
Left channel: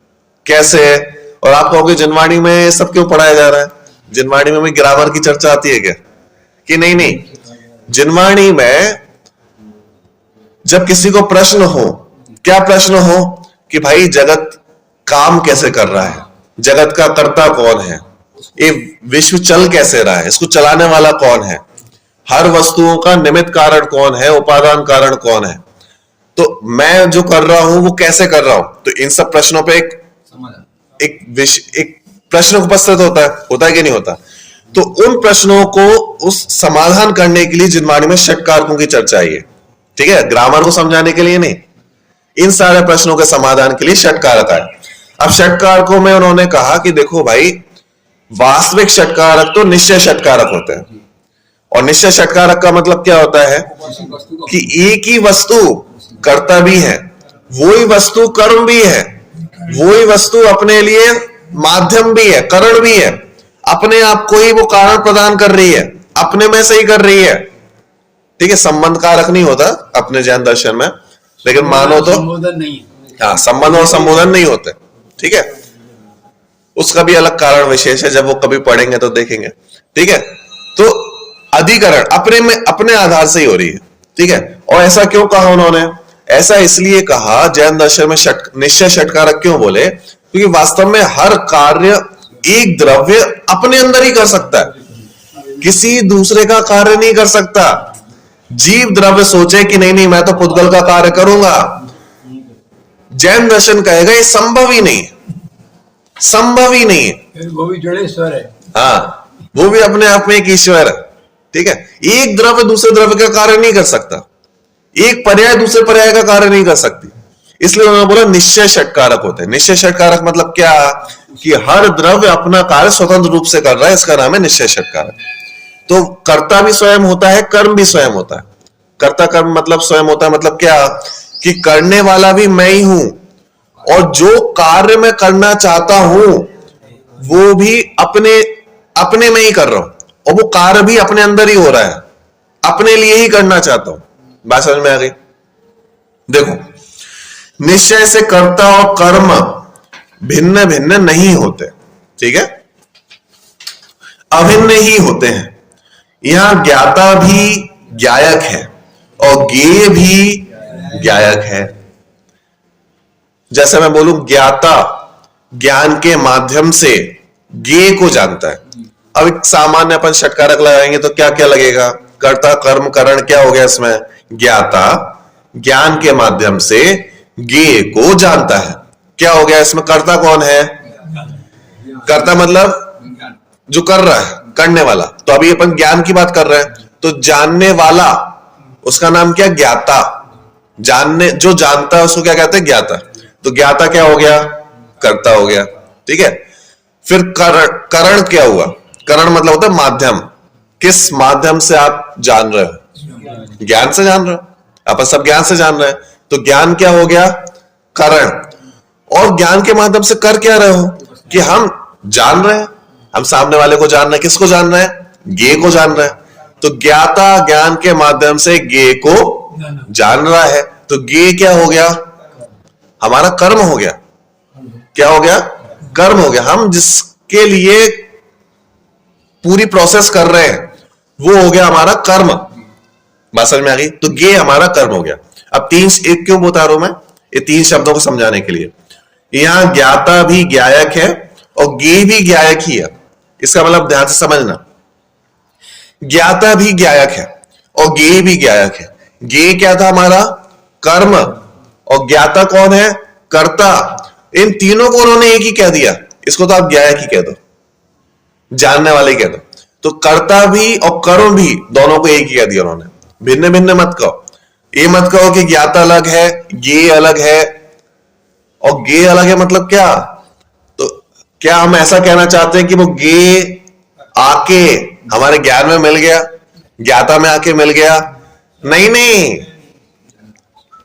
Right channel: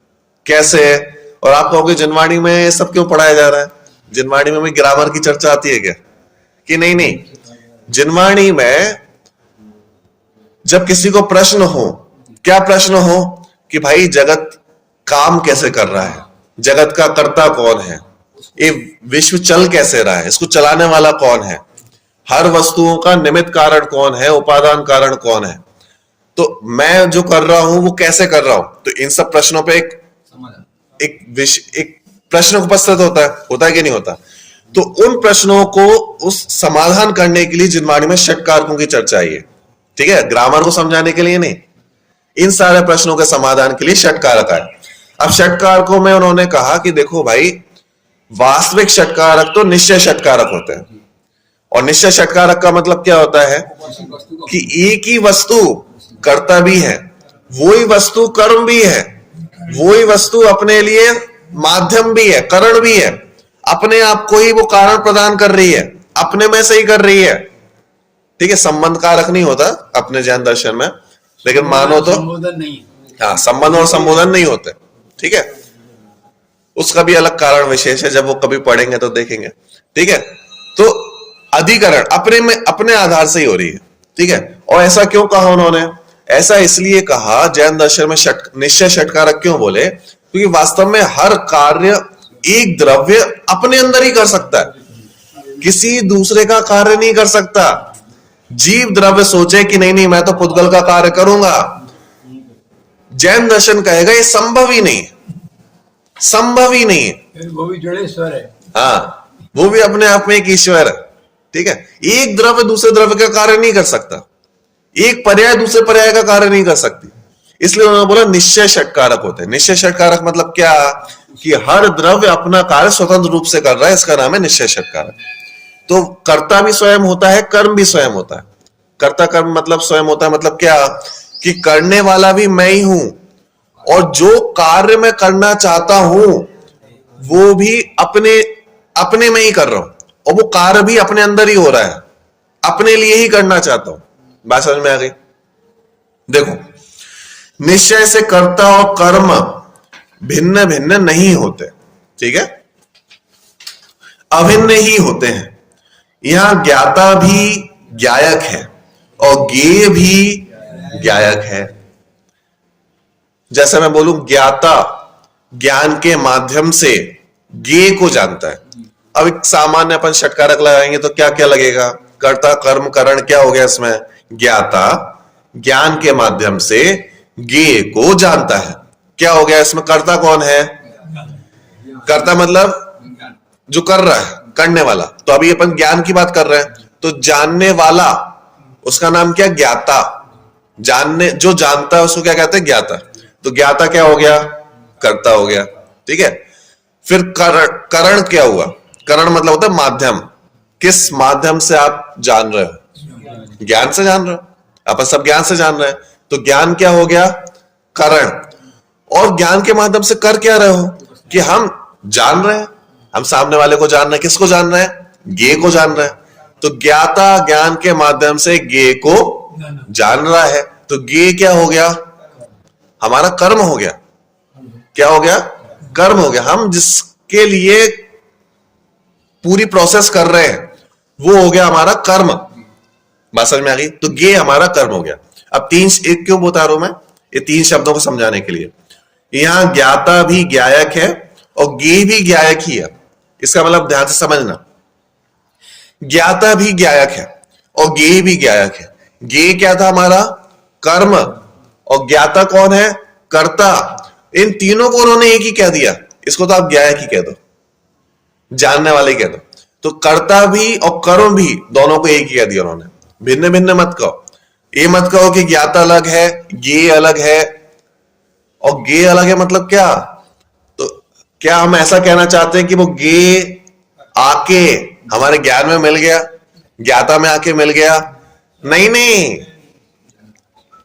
कैसे है? और आप कहोगे जिनवाणी में सब क्यों पढ़ाया जा रहा है? जिनवाणी में भी ग्रामर की चर्चा आती है क्या? कि नहीं नहीं, जिनवाणी में जब किसी को प्रश्न हो, क्या प्रश्न हो कि भाई जगत काम कैसे कर रहा है, जगत का कर्ता कौन है, ये विश्व चल कैसे रहा है, इसको चलाने वाला कौन है, हर वस्तुओं का निमित्त कारण कौन है, उपादान कारण कौन है, तो मैं जो कर रहा हूं वो कैसे कर रहा हूं। तो इन सब प्रश्नों पे एक प्रश्न उपस्थित होता है कि नहीं होता? तो उन प्रश्नों को उस समाधान करने के लिए जिनवाणी में षटकारकों की चर्चा आई है। ठीक है, ग्रामर को समझाने के लिए नहीं, इन सारे प्रश्नों के समाधान के लिए षटकारक है। अब षटकारकों में उन्होंने कहा कि देखो भाई, वास्तविक षटकारक तो निश्चय षटकारक होते हैं। और निश्चय षटकारक का मतलब क्या होता है कि एक ही वस्तु कर्ता भी है, वही वस्तु कर्म भी है, वही वस्तु अपने लिए माध्यम भी है, कारण भी है, अपने आप को ही वो कारण प्रदान कर रही है, अपने में से ही कर रही है। ठीक है, संबंध कारक नहीं होता अपने जैन दर्शन में, लेकिन मानो तो नहीं, हाँ, संबंध और संबोधन नहीं होते। ठीक है, उसका भी अलग कारण विशेष है, जब वो कभी पढ़ेंगे तो देखेंगे। ठीक है, तो अधिकरण अपने में अपने आधार से ही हो रही है। ठीक है, और ऐसा क्यों कहा उन्होंने? ऐसा इसलिए कहा जैन दर्शन में निश्चय षटकारक क्यों बोले? क्योंकि वास्तव में हर कार्य एक द्रव्य अपने अंदर ही कर सकता है, किसी दूसरे का कार्य नहीं कर सकता। जीव द्रव्य सोचे कि नहीं नहीं मैं तो पुद्गल का कार्य करूंगा, जैन दर्शन कहेगा ये संभव ही नहीं, संभव ही नहीं है। वो भी जुड़े ईश्वर है। हाँ, वो भी अपने आप में एक ईश्वर है। ठीक है, एक द्रव्य दूसरे द्रव्य का कार्य नहीं कर सकता, एक पर्याय दूसरे पर्याय का कार्य नहीं कर सकती, इसलिए उन्होंने बोला निश्चय षटकारक होते हैं। निश्चय षटकारक मतलब क्या कि हर द्रव्य अपना कार्य स्वतंत्र रूप से कर रहा है, इसका नाम है निश्चय षटकारक। तो कर्ता भी स्वयं होता है, कर्म भी स्वयं होता है। कर्ता कर्म मतलब स्वयं होता है, मतलब क्या कि करने वाला भी मैं ही हूं, और जो कार्य मैं करना चाहता हूं वो भी अपने में ही कर रहा हूं, और वो कार्य भी अपने अंदर ही हो रहा है, अपने लिए ही करना चाहता हूं। बात समझ में आ गई? देखो, निश्चय से कर्ता और कर्म भिन्न भिन्न नहीं होते। ठीक है, अभिन्न ही होते हैं। यहां ज्ञाता भी ज्ञायक है और ज्ञेय भी ज्ञायक है। जैसे मैं बोलूं ज्ञाता ज्ञान के माध्यम से ज्ञेय को जानता है। अब एक सामान्य अपन षटकारक लगाएंगे तो क्या क्या लगेगा? कर्ता कर्म करण क्या हो गया इसमें? ज्ञाता ज्ञान के माध्यम से ज्ञेय को जानता है। क्या हो गया इसमें? कर्ता कौन है? कर्ता मतलब जो कर रहा है, करने वाला। तो अभी अपन ज्ञान की बात कर रहे हैं, तो जानने वाला उसका नाम क्या? ज्ञाता। जानने जो जानता है उसको क्या कहते हैं? ज्ञाता। तो ज्ञाता क्या हो गया? कर्ता हो गया। ठीक है, फिर करण क्या हुआ? करण मतलब होता है माध्यम। किस माध्यम से आप जान रहे हो? ज्ञान से जान रहे हो, आप सब ज्ञान से जान रहे हैं। तो ज्ञान क्या हो गया? करण। और ज्ञान के माध्यम से कर क्या रहे हो कि हम जान रहे हैं, हम सामने वाले को जान रहे हैं। किसको जान रहे हैं? ज्ञेय को जान रहे हैं। तो ज्ञाता ज्ञान के माध्यम से ज्ञेय को जान रहा है, तो ज्ञेय क्या हो गया? हमारा कर्म हो गया। क्या हो गया? कर्म हो गया। हम जिसके लिए पूरी प्रोसेस कर रहे हैं वो हो गया हमारा कर्म। बात समझ में आ गई? तो गे हमारा कर्म हो गया। अब तीन एक क्यों बता रहा हूं मैं? ये तीन शब्दों को समझाने के लिए। यहां ज्ञाता भी ज्ञायक है और गे भी ज्ञायक ही है। इसका मतलब ध्यान से समझना, ज्ञाता भी ज्ञायक है और गे भी ज्ञायक है। गे क्या था? हमारा कर्म। और ज्ञाता कौन है? कर्ता। इन तीनों को उन्होंने एक ही कह दिया। इसको तो आप ज्ञायक ही कह दो, जानने वाले कह दो। तो कर्ता भी और कर्म भी दोनों को एक ही कह दिया उन्होंने। भिन्न भिन्न मत कहो। ये मत कहो कि ज्ञाता अलग है, गे अलग है। और गे अलग है मतलब क्या? तो क्या हम ऐसा कहना चाहते हैं कि वो गे आके हमारे ज्ञान में मिल गया, ज्ञाता में आके मिल गया? नहीं नहीं,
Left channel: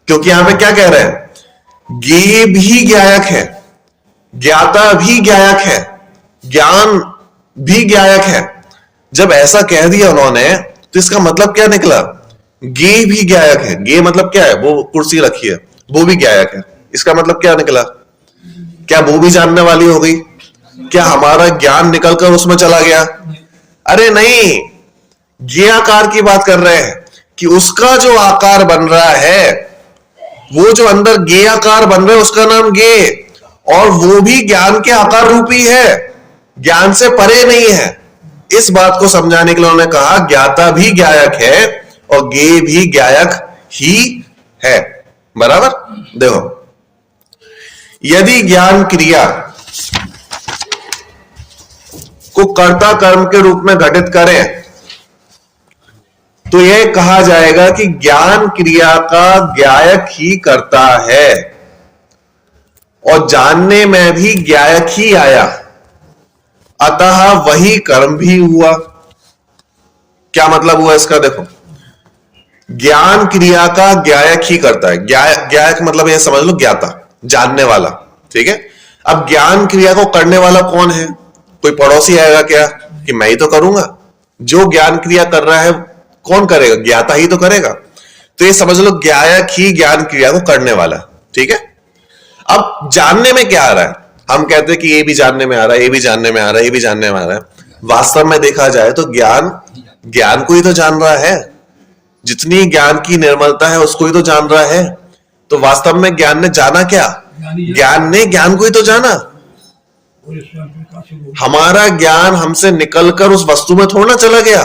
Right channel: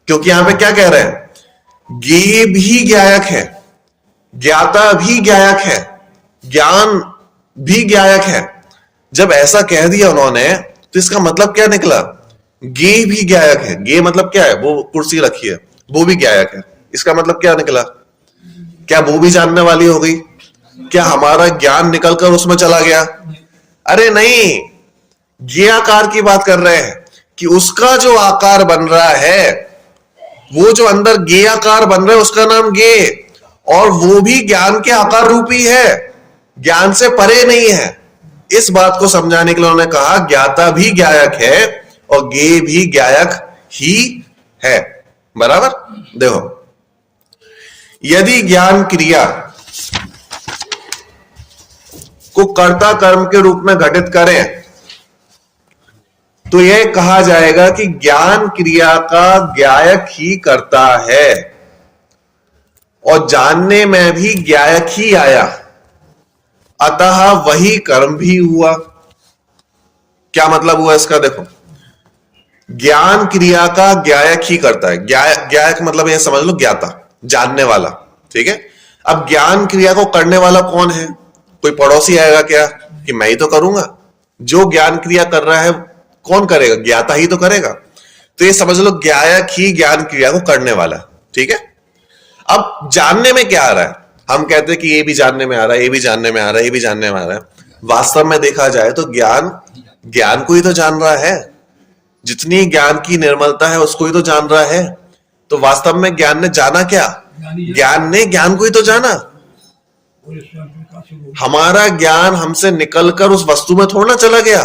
क्योंकि यहां पे क्या कह रहे हैं? गे भी ज्ञायक है, ज्ञाता भी ज्ञायक है, ज्ञान भी ज्ञायक है। जब ऐसा कह दिया उन्होंने तो इसका मतलब क्या निकला? गे भी ज्ञायक है। गे मतलब क्या है? वो कुर्सी रखी है, वो भी ज्ञायक है। इसका मतलब क्या निकला? क्या वो भी जानने वाली हो गई? क्या हमारा ज्ञान निकलकर उसमें चला गया? अरे नहीं, गे आकार की बात कर रहे हैं कि उसका जो आकार बन रहा है, वो जो अंदर गे आकार बन रहा है उसका नाम गे, और वो भी ज्ञान के आकार रूपी है, ज्ञान से परे नहीं है। इस बात को समझाने के लिए उन्होंने कहा ज्ञाता भी ज्ञायक है और गे भी ज्ञायक ही है। बराबर? देखो, यदि ज्ञान क्रिया को कर्ता कर्म के रूप में घटित करें तो यह कहा जाएगा कि ज्ञान क्रिया का ज्ञायक ही करता है और जानने में भी ज्ञायक ही आया, अतः वही कर्म भी हुआ। क्या मतलब हुआ इसका? देखो, ज्ञान क्रिया का ज्ञायक ही करता है। ज्ञायक मतलब यह समझ लो ज्ञाता, जानने वाला। ठीक है? अब ज्ञान क्रिया को करने वाला कौन है? कोई पड़ोसी आएगा क्या कि मैं ही तो करूंगा? जो ज्ञान क्रिया कर रहा है कौन करेगा? ज्ञाता ही तो करेगा। तो ये समझ लो ज्ञायक ही ज्ञान क्रिया को करने वाला। ठीक है? अब जानने में क्या आ रहा है? हम कहते हैं कि ये भी जानने में आ रहा है, ये भी जानने में आ रहा है, ये भी जानने में आ रहा है। वास्तव में देखा जाए तो ज्ञान को ही तो जान रहा है। जितनी ज्ञान की निर्मलता है उसको ही तो जान रहा है। तो वास्तव में ज्ञान ने जाना क्या? ज्ञान ने ज्ञान को ही तो जाना। हमारा ज्ञान हमसे निकलकर उस वस्तु में थोड़ा ना चला गया,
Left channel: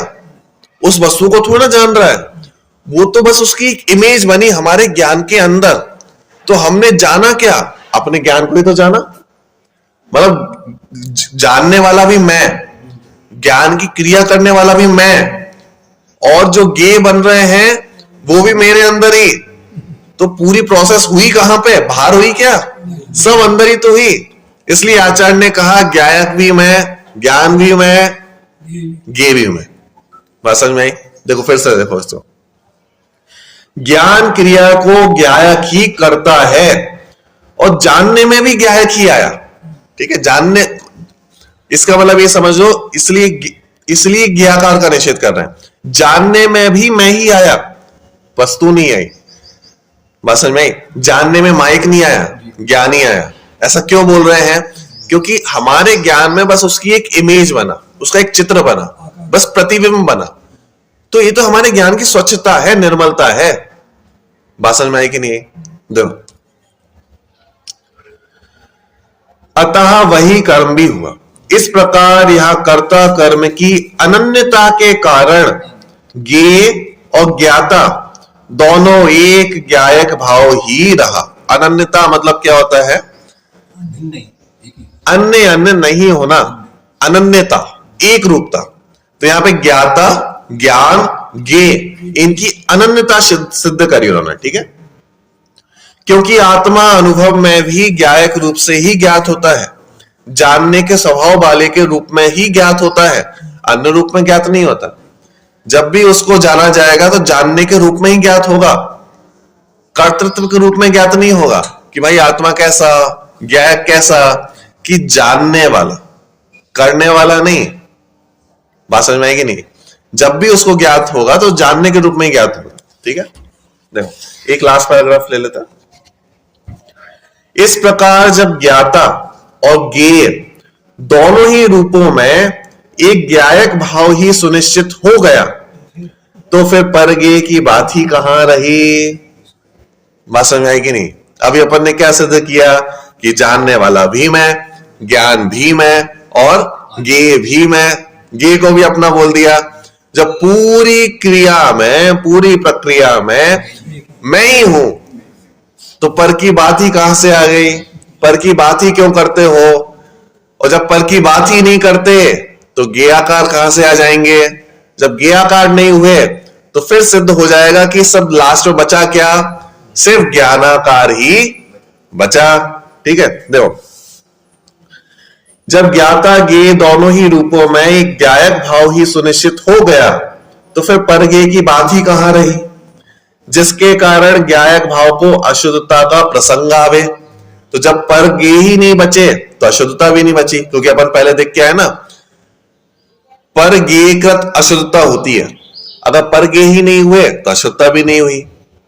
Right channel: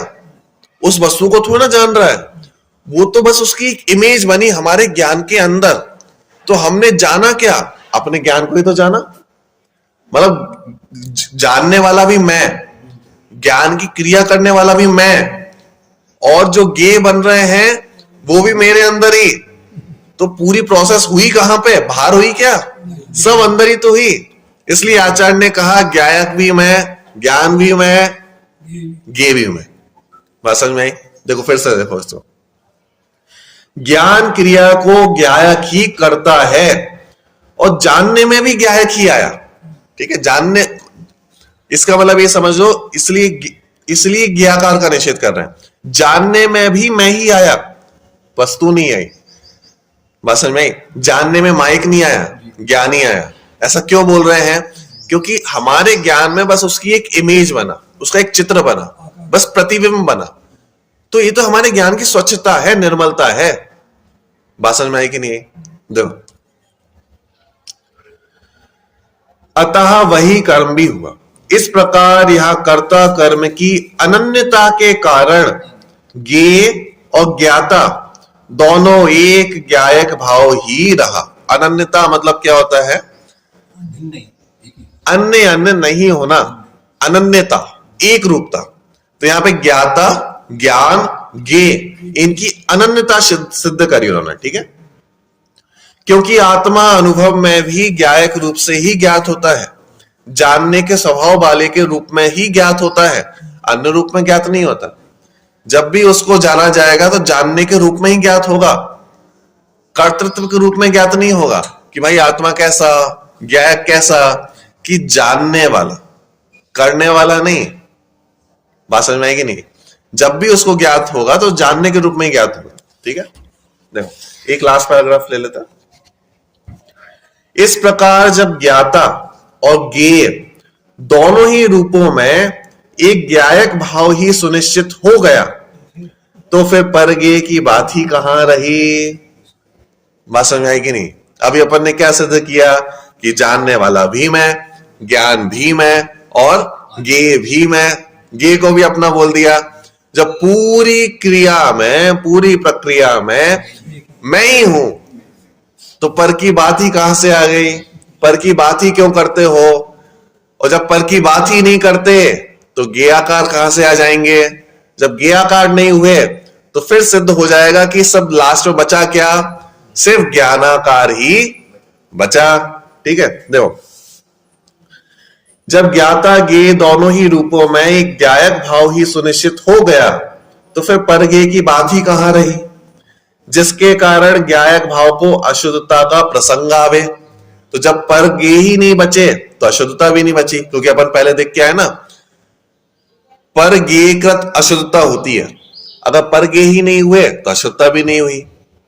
उस वस्तु को थोड़ा ना जान रहा है। वो तो बस उसकी इमेज बनी हमारे ज्ञान के अंदर। तो हमने जाना क्या? अपने ज्ञान को ही तो जाना। मतलब जानने वाला भी मैं, ज्ञान की क्रिया करने वाला भी मैं, और जो गे बन रहे हैं वो भी मेरे अंदर ही। तो पूरी प्रोसेस हुई कहां पे? बाहर हुई क्या? सब अंदर ही तो हुई। इसलिए आचार्य ने कहा ज्ञायक भी मैं, ज्ञान भी मैं, गे भी मैं। बात समझ में आई? देखो फिर से देखो इसको, ज्ञान क्रिया को ज्ञायक ही करता है और जानने में भी ज्ञायक ही आया। ठीक है? जानने, इसका मतलब ये समझ लो, इसलिए ज्ञाकार का निषेध कर रहे हैं। जानने में भी मैं ही आया, वस्तु नहीं आई। बात समझ में आई? जानने में माइक नहीं आया, ज्ञान ही आया। ऐसा क्यों बोल रहे हैं? क्योंकि हमारे ज्ञान में बस उसकी एक इमेज बना, उसका एक चित्र बना, बस प्रतिबिंब बना। तो ये तो हमारे ज्ञान की स्वच्छता है, निर्मलता है। बात समझ में आई कि नहीं? दो, अतः वही कर्म भी हुआ। इस प्रकार यह कर्ता कर्म की अनन्यता के कारण ज्ञेय और ज्ञाता दोनों एक ज्ञायक भाव ही रहा। अनन्यता मतलब क्या होता है? अन्य अन्य नहीं होना, अनन्यता, एक रूपता। तो यहां पे ज्ञाता, ज्ञान, ज्ञेय, इनकी अनन्यता सिद्ध करी उन्होंने। ठीक है? क्योंकि आत्मा अनुभव में भी ज्ञायक रूप से ही ज्ञात होता है, जानने के स्वभाव वाले के रूप में ही ज्ञात होता है, अन्य रूप में ज्ञात नहीं होता। जब भी उसको जाना जाएगा तो जानने के रूप में ही ज्ञात होगा, कर्तृत्व के रूप में ज्ञात नहीं होगा कि भाई आत्मा कैसा, ज्ञायक कैसा, कि जानने वाला, करने वाला नहीं। बात समझ में आएगी नहीं? जब भी उसको ज्ञात होगा तो जानने के रूप में ही ज्ञात होगा। ठीक है? देखो एक लास्ट पैराग्राफ ले लेता। इस प्रकार जब ज्ञाता और ज्ञेय दोनों ही रूपों में एक ज्ञायक भाव ही सुनिश्चित हो गया तो फिर परज्ञेय की बात ही कहां रही। बात समझ आई कि नहीं? अभी अपन ने क्या सिद्ध किया कि जानने वाला भी मैं, ज्ञान भी मैं और ज्ञेय भी मैं। ज्ञेय को भी अपना बोल दिया। जब पूरी क्रिया में, पूरी प्रक्रिया में मैं ही हूं तो पर की बात ही कहां से आ गई? पर की बात ही क्यों करते हो? और जब पर की बात ही नहीं करते तो ज्ञेयाकार कहां से आ जाएंगे? जब ज्ञेयाकार नहीं हुए तो फिर सिद्ध हो जाएगा कि सब लास्ट में बचा क्या? सिर्फ ज्ञानाकार ही बचा। ठीक है, देखो, जब ज्ञाता ज्ञेय दोनों ही रूपों में एक ज्ञायक भाव ही सुनिश्चित हो गया तो फिर परज्ञेय की बात ही कहां रही, जिसके कारण ज्ञायक भाव को अशुद्धता का प्रसंग आवे। तो जब परज्ञेय ही नहीं बचे तो अशुद्धता भी नहीं बची, क्योंकि अपन पहले देख के आए ना, परज्ञेयकृत अशुद्धता होती है। अगर परज्ञेय ही नहीं हुए तो अशुद्धता भी नहीं हुई।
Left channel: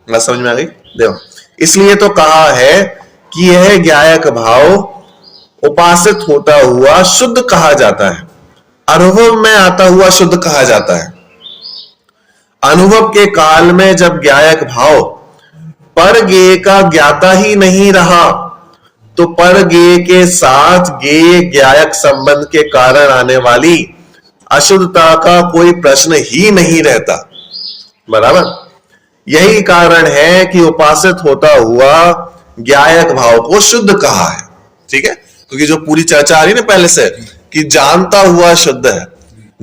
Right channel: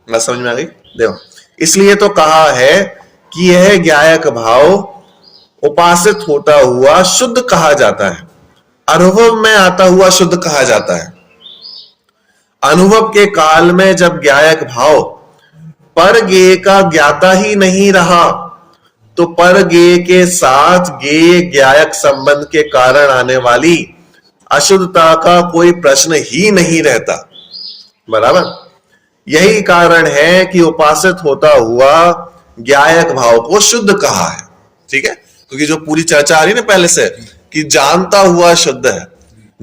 बात समझ में आ गई? देखो, इसलिए तो कहा है कि यह ज्ञायक भाव उपासित होता हुआ शुद्ध कहा जाता है, अनुभव में आता हुआ शुद्ध कहा जाता है। अनुभव के काल में जब ज्ञायक भाव परज्ञेय का ज्ञाता ही नहीं रहा तो परज्ञेय के साथ ज्ञेय ज्ञायक संबंध के कारण आने वाली अशुद्धता का कोई प्रश्न ही नहीं रहता। बराबर? यही कारण है कि उपासित होता हुआ ज्ञायक भाव को शुद्ध कहा है। ठीक है, क्योंकि जो पूरी चर्चा आ रही ना पहले से कि जानता हुआ शुद्ध है,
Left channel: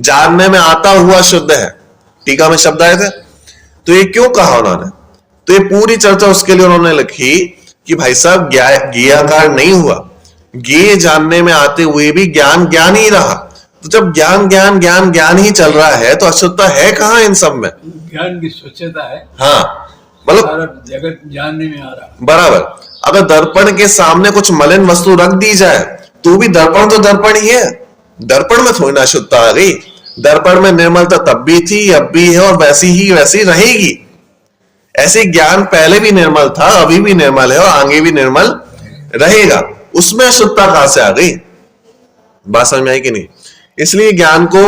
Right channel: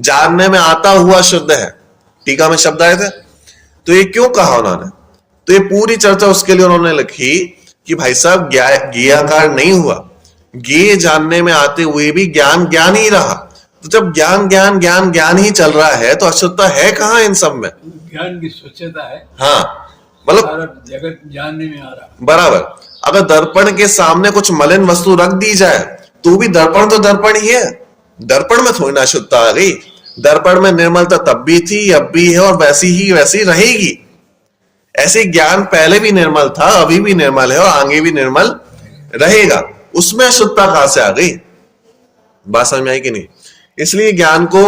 जानने में आता हुआ शुद्ध है, टीका में शब्द आए थे, तो ये क्यों कहा उन्होंने? तो ये पूरी चर्चा उसके लिए उन्होंने लिखी कि भाई साहब ज्ञेयाकार नहीं हुआ, ज्ञेय जानने में आते हुए भी ज्ञान ज्ञान ही रहा। तो जब ज्ञान ज्ञान ज्ञान ज्ञान ही चल रहा है तो अशुद्धता है कहां इन सब में? ज्ञान की स्वच्छता है। हाँ, मतलब सारा जगत जानने में आ रहा। बराबर। अगर दर्पण के सामने कुछ मलिन वस्तु रख दी जाए तो भी दर्पण तो दर्पण ही है, दर्पण में थोड़ी ना अशुद्धता आ गई। दर्पण में निर्मलता तब भी थी, अब भी है और वैसी ही वैसी रहेगी। ऐसे ज्ञान पहले भी निर्मल था, अभी भी निर्मल है और आगे भी निर्मल रहेगा। उसमें अशुद्धता कहां से आ गई? बात समझ में आई कि नहीं? इसलिए ज्ञान को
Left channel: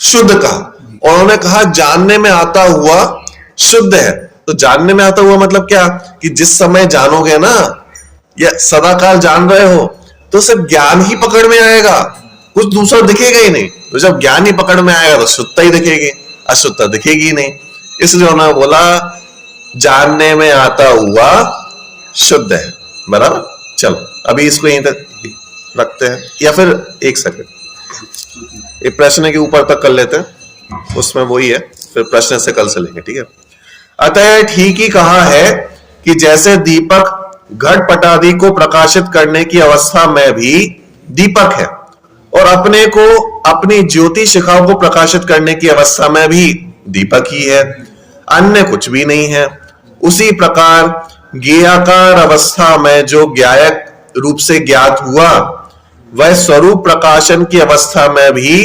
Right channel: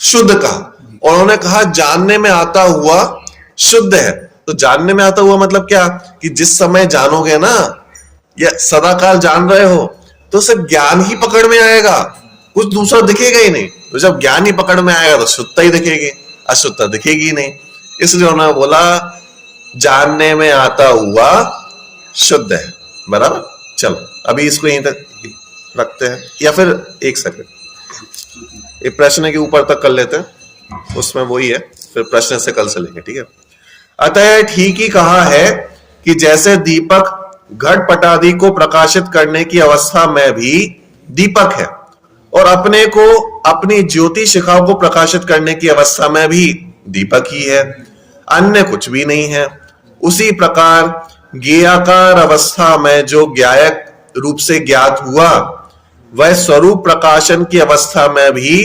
शुद्ध कहा और उन्होंने कहा जानने में आता हुआ शुद्ध है। तो जानने में आता हुआ मतलब क्या? कि जिस समय जानोगे ना या सदाकाल जान रहे हो तो सिर्फ ज्ञान ही पकड़ में आएगा, कुछ दूसरा दिखेगा ही नहीं। तो जब ज्ञान ही पकड़ में आएगा तो शुद्धता ही दिखेगी, अशुद्धता दिखेगी ही नहीं। इसलिए उन्होंने बोला जानने में आता हुआ शुद्ध है। बराबर? चलो अभी इसको यहीं तक रखते हैं, या फिर एक सेकंड एक प्रश्न के ऊपर तक कर लेते हैं, उसमें वही है, फिर प्रश्न से कल से लेंगे। ठीक है, अतः ठीक ही कहा है कि जैसे दीपक घट पटादि को प्रकाशित करने की अवस्था में भी दीपक है और अपने को अपनी ज्योति शिखाओं को प्रकाशित करने की अवस्था में भी दीपक ही है, अन्य कुछ भी नहीं है। उसी प्रकार ज्ञेयाकार अवस्था में जो ज्ञायक रूप से ज्ञात हुआ वह स्वरूप प्रकाशन की अवस्था में भी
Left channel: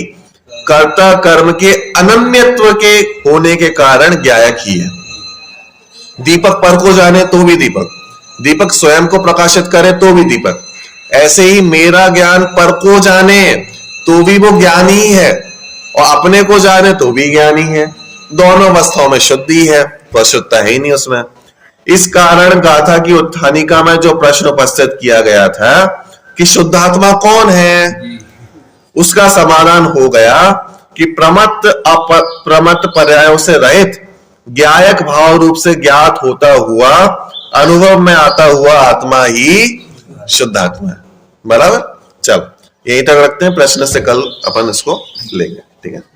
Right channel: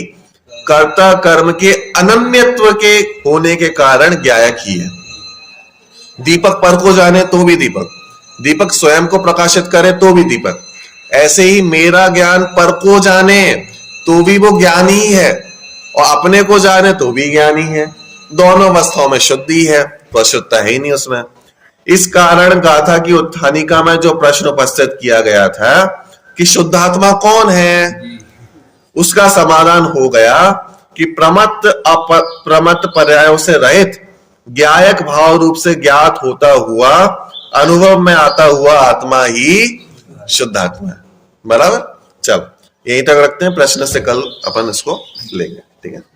कर्ता कर्म के अनन्यत्व के होने के कारण ज्ञायक ही है। दीपक पर को जाने तो भी दीपक, दीपक स्वयं को प्रकाशित करे तो भी दीपक। ऐसे ही मेरा ज्ञान पर को जाने तो भी वो ज्ञान ही है और अपने को जाने तो भी ज्ञान ही है। दोनों अवस्थाओं में शुद्धि है, तो अशुद्धता है ही नहीं उसमें। इस कारण गाथा की उत्थानिका में जो प्रश्न उपस्थित किया गया था कि शुद्धात्मा कौन है, उसका समाधान हो गया कि प्रमत्त अप्रमत्त पर्यायों से रहित ज्ञायक भाव रूप से ज्ञात होता हुआ अनुभव में आता हुआ आत्मा ही शुद्धात्मा है। बराबर? चलो यही तक रखते हैं, प्रश्न से कल अपन इसको लेंगे। ठीक है,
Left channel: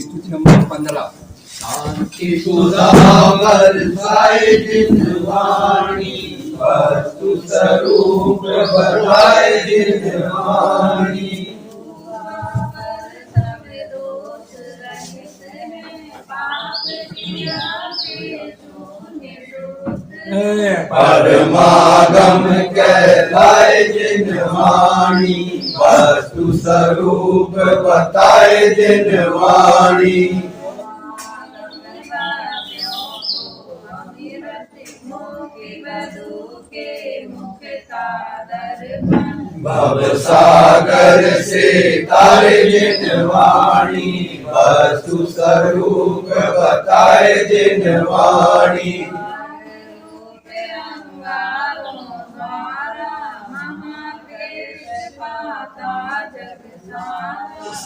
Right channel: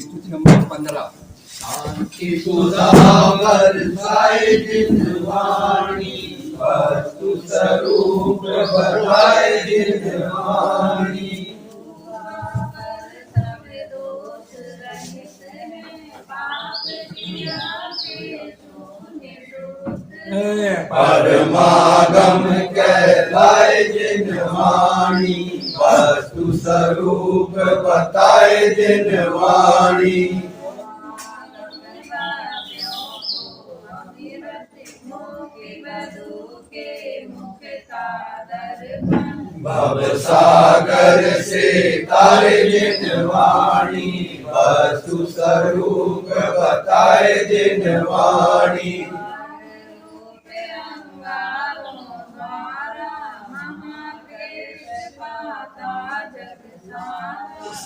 स्तुति नंबर 15। शांति सुधाकर साई जिंदवाणी वस्तु स्वरूप बताए जिन वाणी। परमागम कहलाए जिन वाणी, वस्तु स्वरूप बताए जिन वाणी। भव सागर से तारे जिन वाणी, वस्तु स्वरूप बताए जिन वाणी।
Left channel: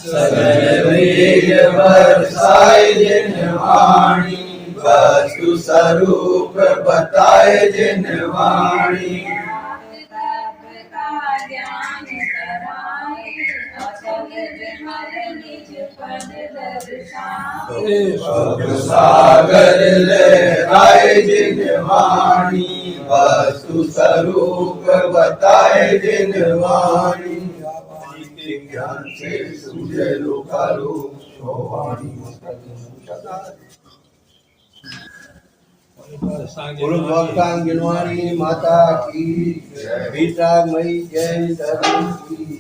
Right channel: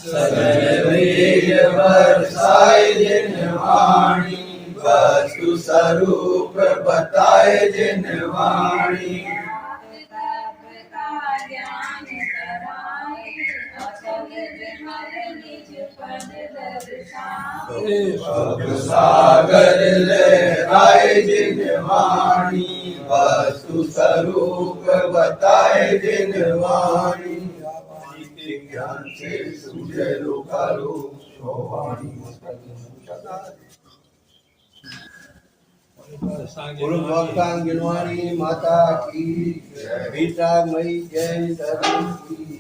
सगल वेद बरसाए जिन वाणी, वस्तु स्वरूप बताए जिन वाणी। सागर लहराए जिन वाणी, वस्तु स्वरूप बताए जिन वाणी। ज्ञान से सूझे लोकालो वाणी। गुरु गिनवाणी माता की, गीता मई जय धर्म की।